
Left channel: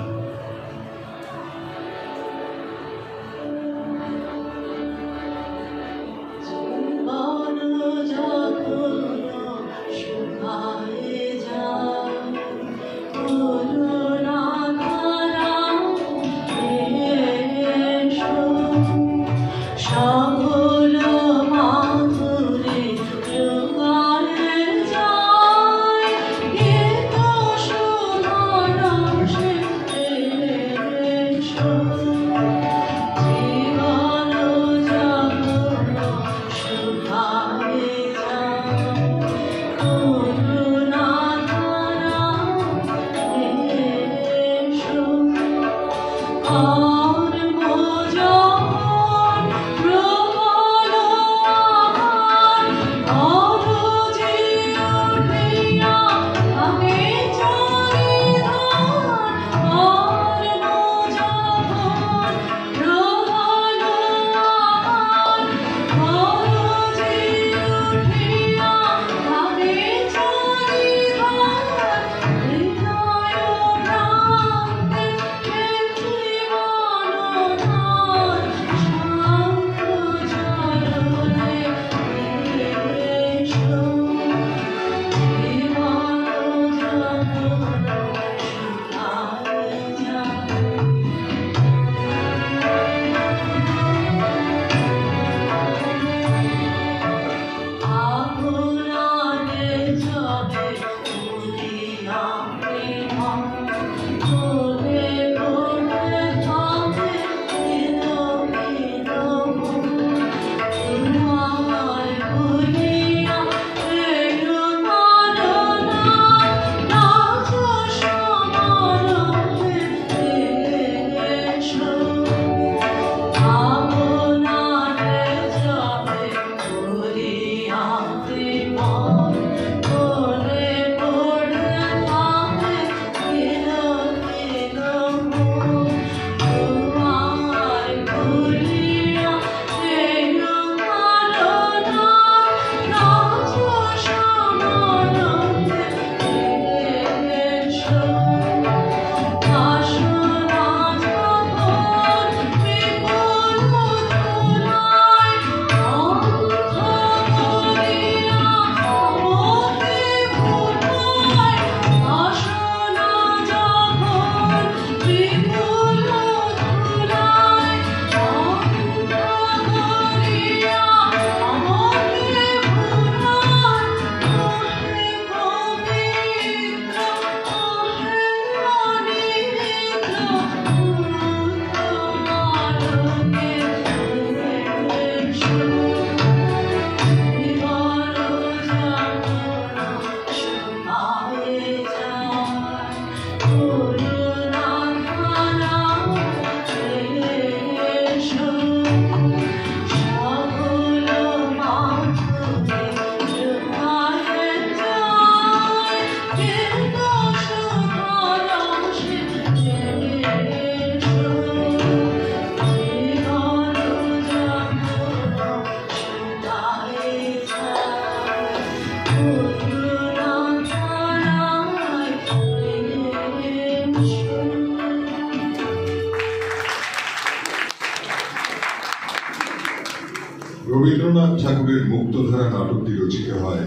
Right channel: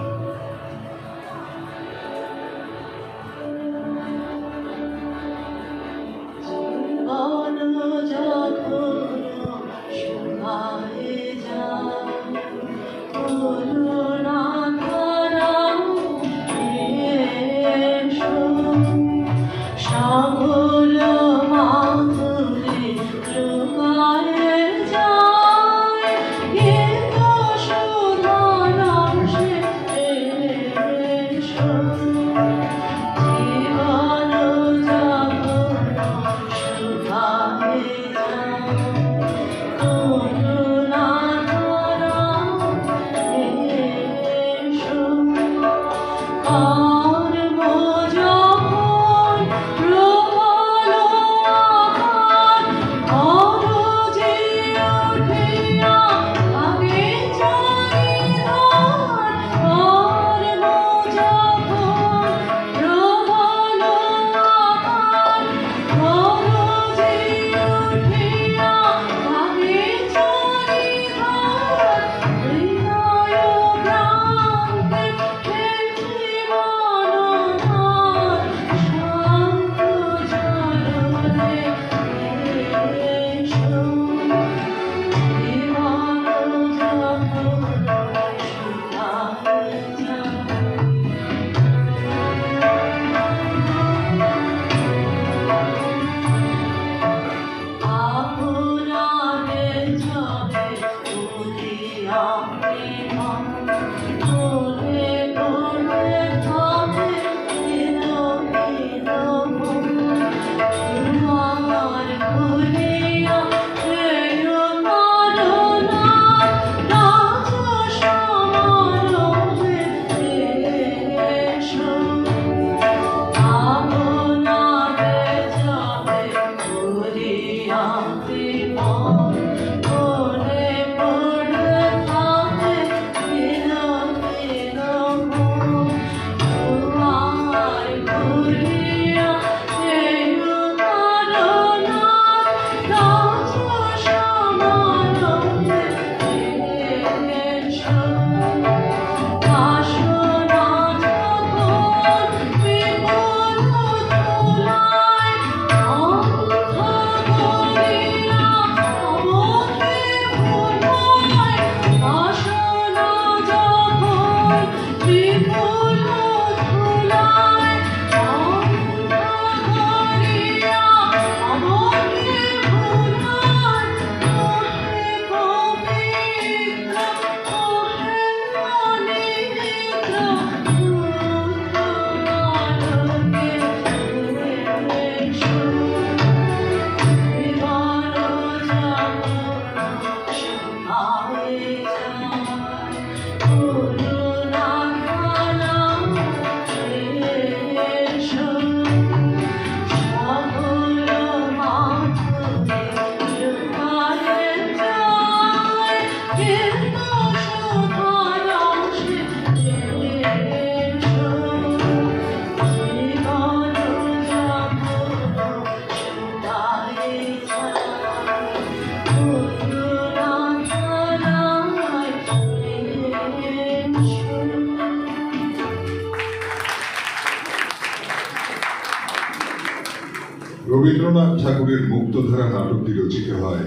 রবীন্দ্রনাথ ঠাকুরের মুক্তধারা নাটকটি রচিত হয়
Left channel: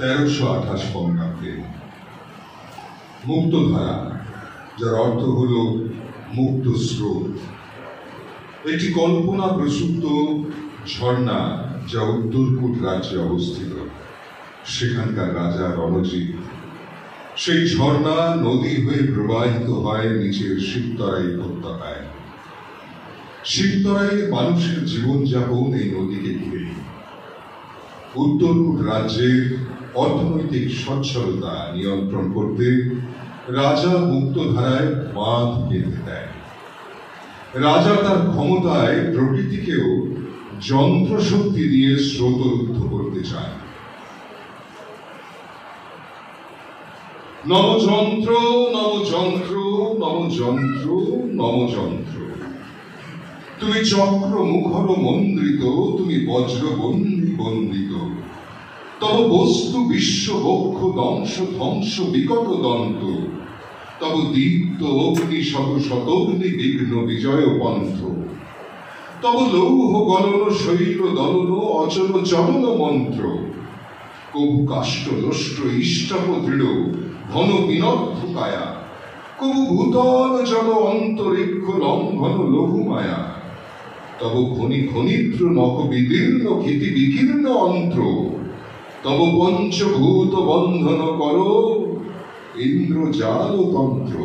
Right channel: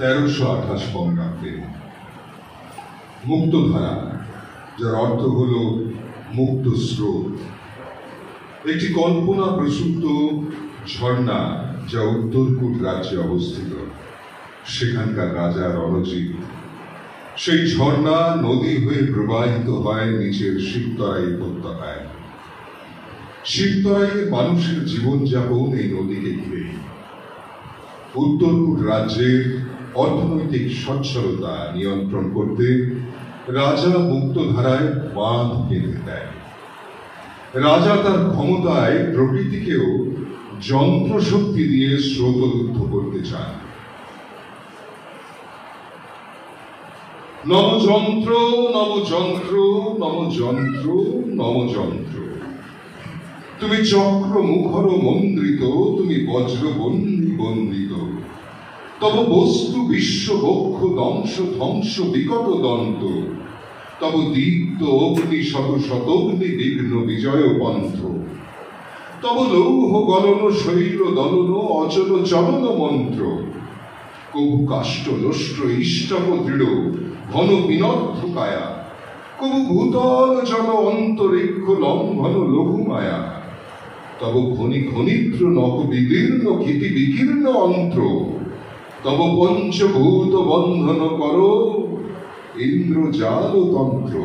1328 বঙ্গাব্দে। মুক্তধারা, যার অর্থ হল মুক্ত স্রোত, একটি কল্পনা প্রসূত ঝর্ণা যা উত্তরকূট রাজ্যে অবস্থিত। সেখানকার রাজা রণজিৎ সেই ঝর্ণা নদী হয়ে প্রবাহিত হয় নিচের শিবতরাই উপত্যকায়। শিবতরাইয়ে মানুষের জীবনযাপন এই নদীকে ঘিরে। উত্তরকূট রাজ্যের অর্থনৈতিক সচ্ছলতা নিয়ন্ত্রণ করতে রাজা মুক্তধারায় বাঁধ বেঁধে দেয়। রাজা তার ক্ষমতায় প্রকৃতিকেও যন্ত্রশক্তি দিয়ে স্রোতরুদ্ধ করতে চান। নবযন্ত্র নবযন্ত্র নবযন্ত্র নবযন্ত্র, তুমি চক্র মুখর মন্দ্রিত, তুমি বজ্রবন্দী বন্দিত। তব বস্তু বিশ্ব বক্ষ দংশ ধ্বংস বিকট দন্ত, তব দীপ্ত অগ্নি শত শতগ্নি বিঘ্ন বিজয় পন্থ। তব লৌহ গলন শৈল দলন অচল চলন মন্ত্র, কবু কাষ্ঠ লোষ্ট ইষ্টপ দৃঢ় ঘন বিনর্থ কায়া, কবু ভূতল জল অন্তরিক্ষ লঙ্ঘন লঘু মায়া। তব খনি খনিদ্র নখ বিদীর্ণ ক্ষিতি বিকীর্ণ অন্ত্র, তব পঞ্চভূত বন্ধন কর ইন্দ্রজাল তন্ত্র।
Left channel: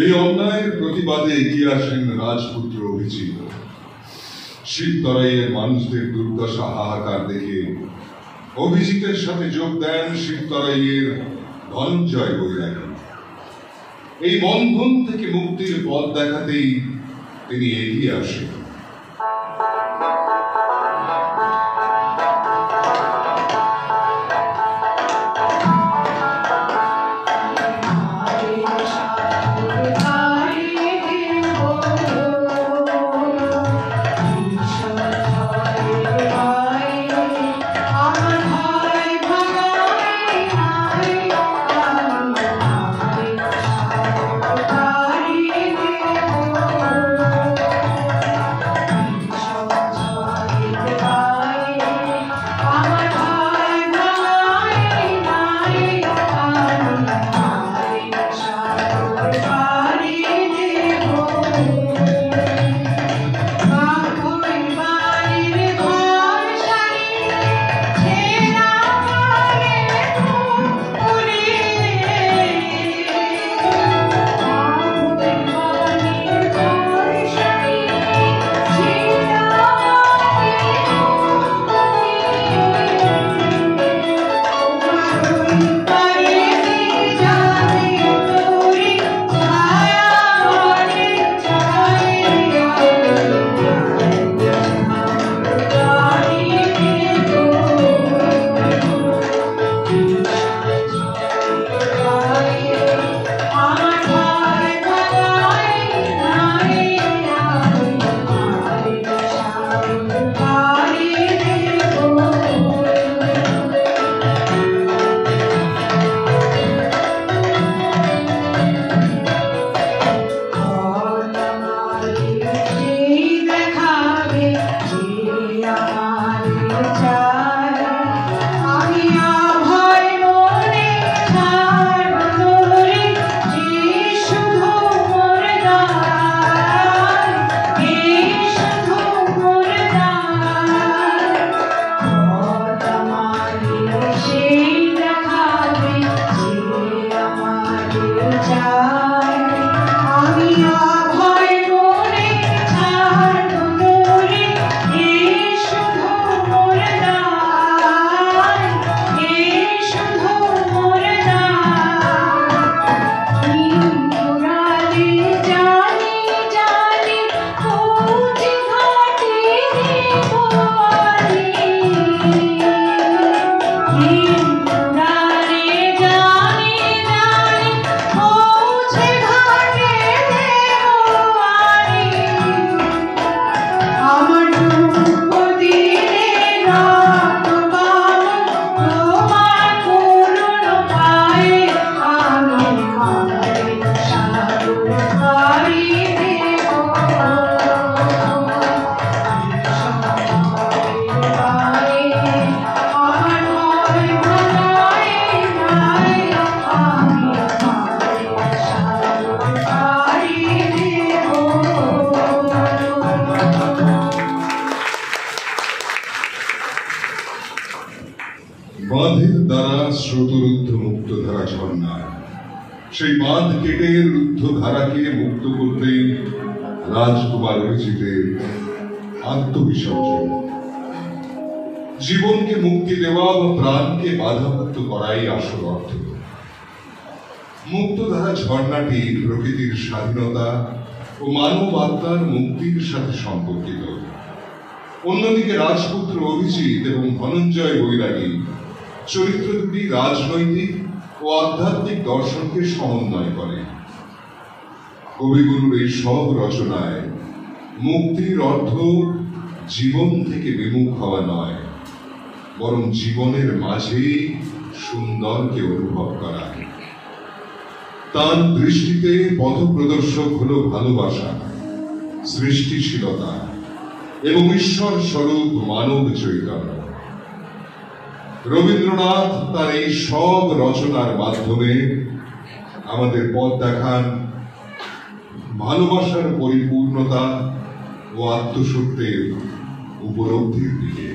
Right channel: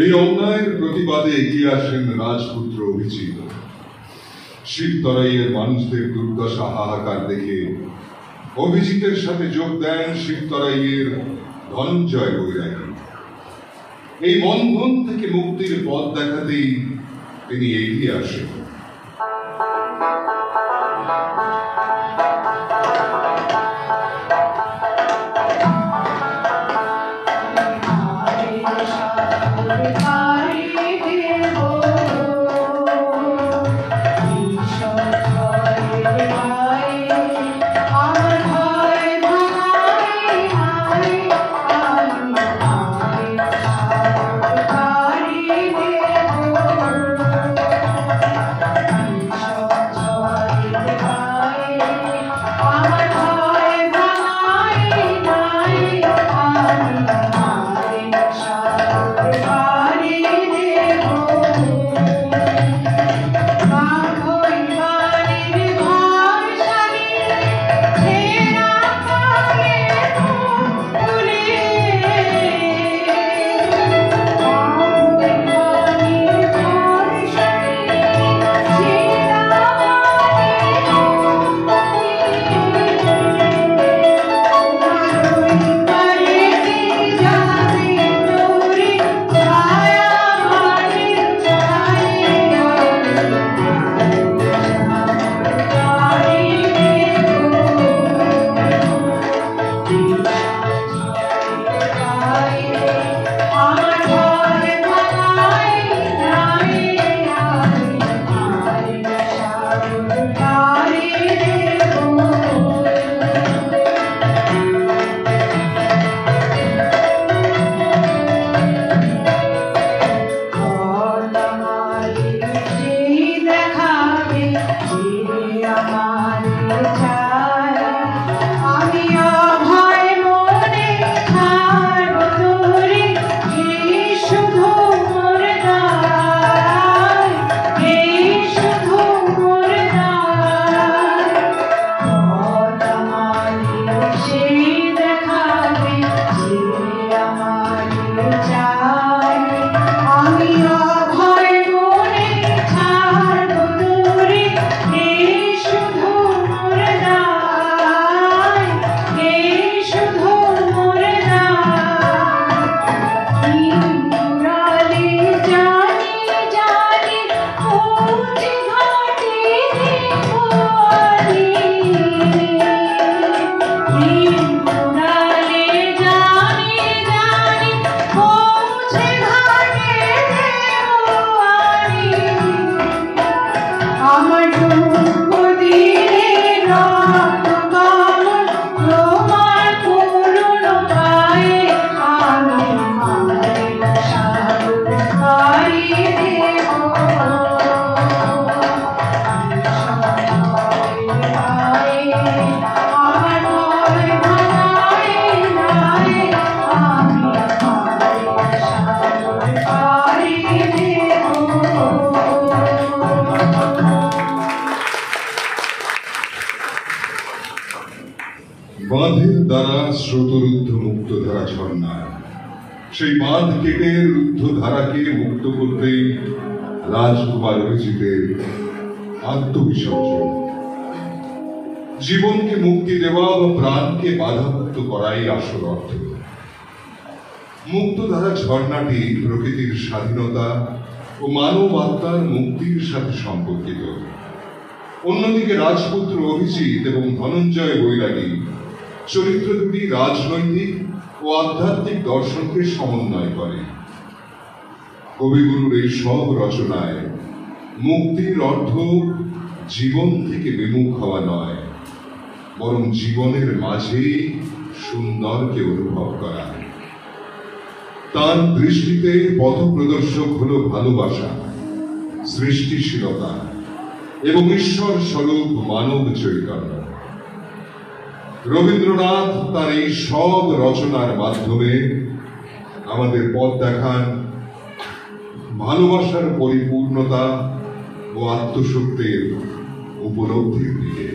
এই অন্যায়ের প্রতিবাদে এগিয়ে আসেন রাজপুত্র অভিজিৎ। শিবতরাইয়ের মানুষদের দুর্দশা হাহাকার দেখে অভিজিতের সাথে যোগ দেন শিবতরাইয়ের ধনঞ্জয় বৈরাগী। এই বন্ধন থেকে মুক্তির পথ দেখাতেই তিনি এগিয়ে আসেন। বাঁধের দ্বারা স্রোতরুদ্ধ মুক্তধারা ঝর্ণা, সেই বাঁধ কেটে রুদ্ধ ধারাকে মুক্ত করতে রাজকুমার অভিজিতের আত্মবিসর্জন। জীবনকে মুক্তি দেওয়া বা প্রাণকে বাধামুক্ত করাই আসল অর্থ। মুক্তধারা ঝর্ণাটি প্রকৃতির স্বাধীনতা ও মানব আত্মার মুক্তির সাথে সম্পর্কিত। অন্যদিকে রাজপুত্র অভিজিৎ এবং ধনঞ্জয় বৈরাগী চরিত্র দুটি রাজনৈতিক ও আধ্যাত্মিক দর্শনকে সমন্বয় করে। কবিগুরুর এই সব রচনায় মুক্তির অর্থ জীবন থেকে বিমুখ হওয়া নয়, বরং জীবনের মাঝে সুন্দরকে অনুভব করা। তার দৃষ্টিতে পথপ্রদর্শক হল ভালোবাসা, সৃষ্টিশীলতা এবং ঈশ্বর স্বরূপ মানব চৈতন্য। রবীন্দ্রনাথ তার এই সব রচনার মাধ্যমে আমাদের পথ দেখান ভালোবাসার পরিপূর্ণতা ও আত্মসত্যের উপলব্ধির দিকে।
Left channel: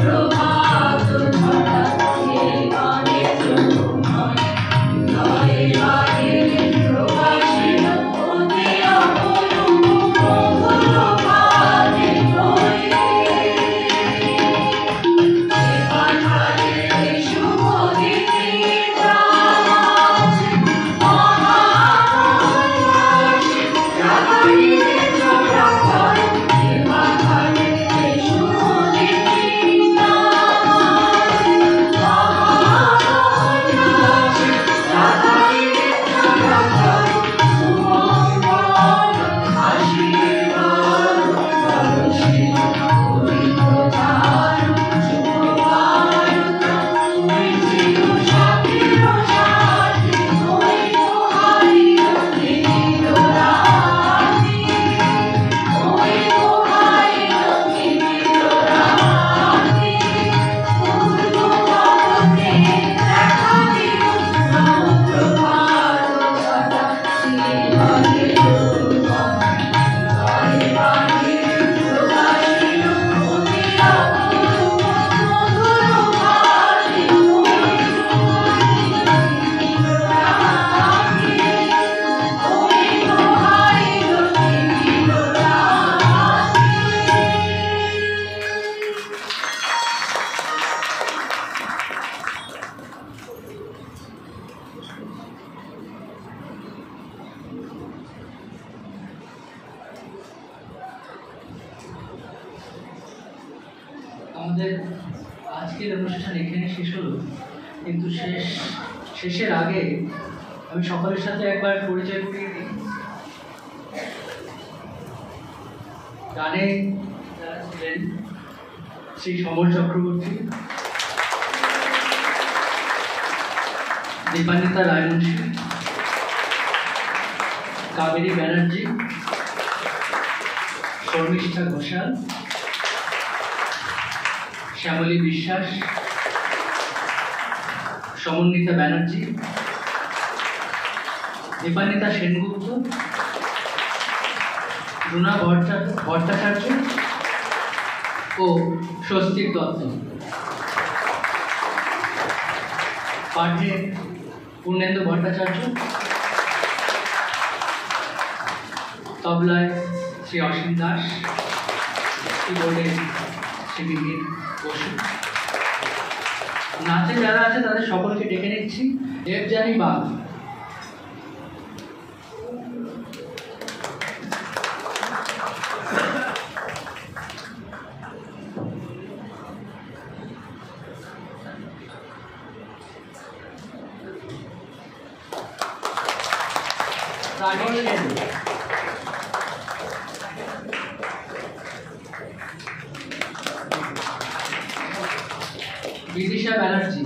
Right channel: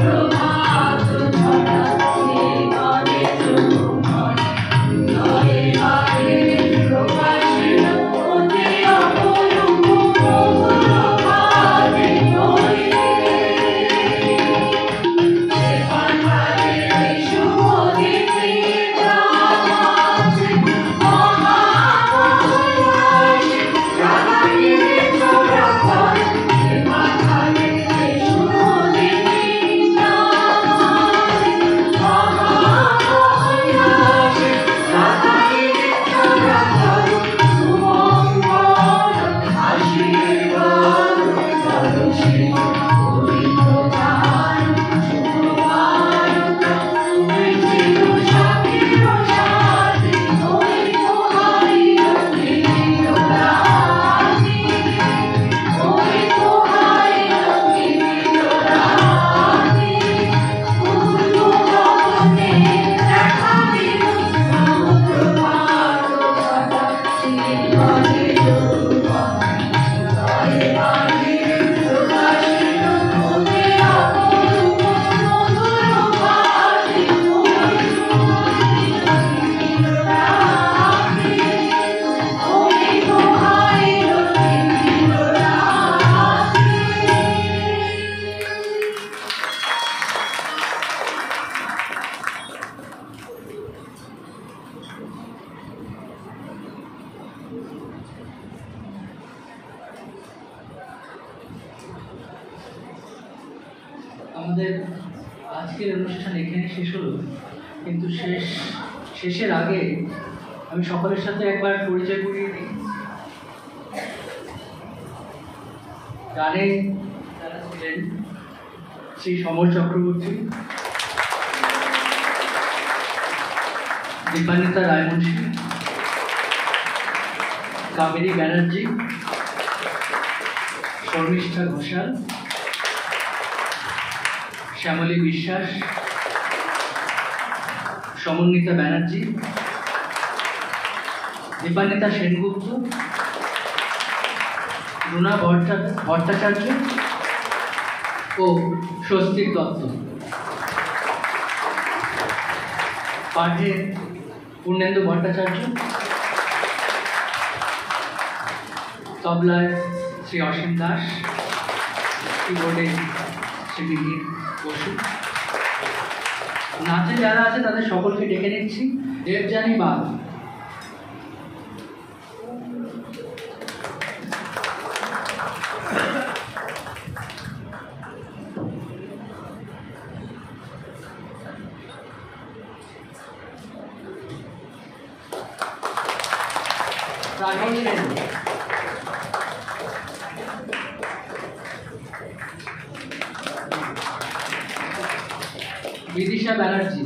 প্রভাত আমাদের আজকের অনুষ্ঠান এখানে শেষ হলো, কিন্তু শেষের আগে আমি সকলের সাথে একবার পরিচয় করিয়ে দিই। গানে যারা ছিলেন শ্রী সমর চক্রবর্তী, দীপান্বিতা রায়মুন্সী, কাবেরী ব্যানার্জি, শর্মিষ্ঠা ঘোষাল, শ্যামলী বিশ্বাস, সমন্বিতা ব্যানার্জি, দীপান্বিতা সেনগুপ্ত, রুনা ভট্টাচার্য ও স্বস্তিক দত্ত। পাঠে পূর্ণেন্দু ভট্টাচার্য, তবলায় শ্রী অসীম দাস, কিবোর্ডে শ্রী বিনীত বসু। নাচে যারা আছে তাদের সকলকে ডেকে নিচ্ছি। দেবযানী বাগ, সাগর সেন, বিদিশা ব্যানার্জি,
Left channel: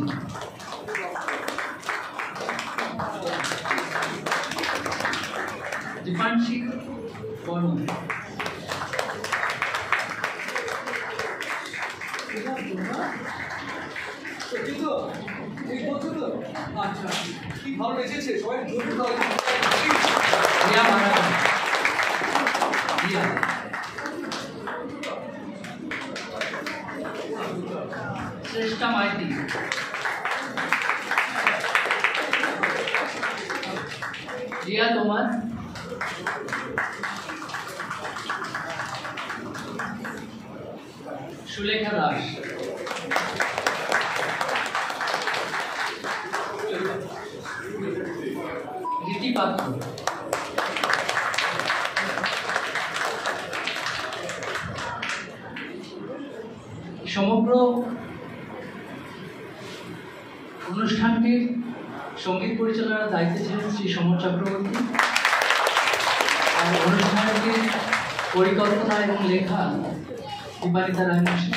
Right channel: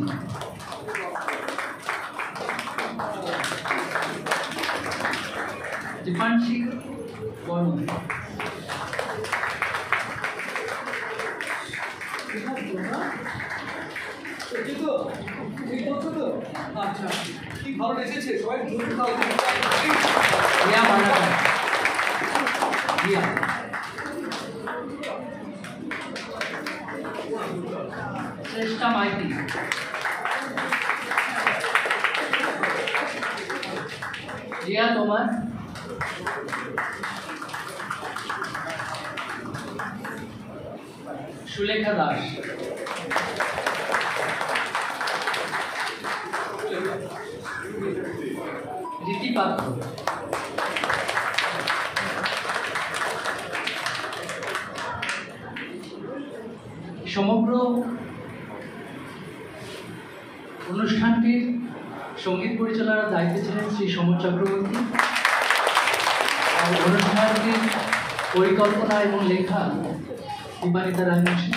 দীপাংশী বর্মন, আচ্ছা, কি ভালো এসেছে সবাই জোরে দাও। রিয়া মালাকার, রিয়া, শ্রেষ্ঠা মাইতি, রিয়া তোমার, সুলেখা দাস, রীতি পাত্র, সমগ্র অনুষ্ঠানটির সঙ্গীত পরিচালনার দায়িত্বে ছিলেন শ্রী সমর চক্রবর্তী, আর অনুষ্ঠানটির পরিকল্পনা এবং লেখা দীপান্বিতা রায়মুন্সী।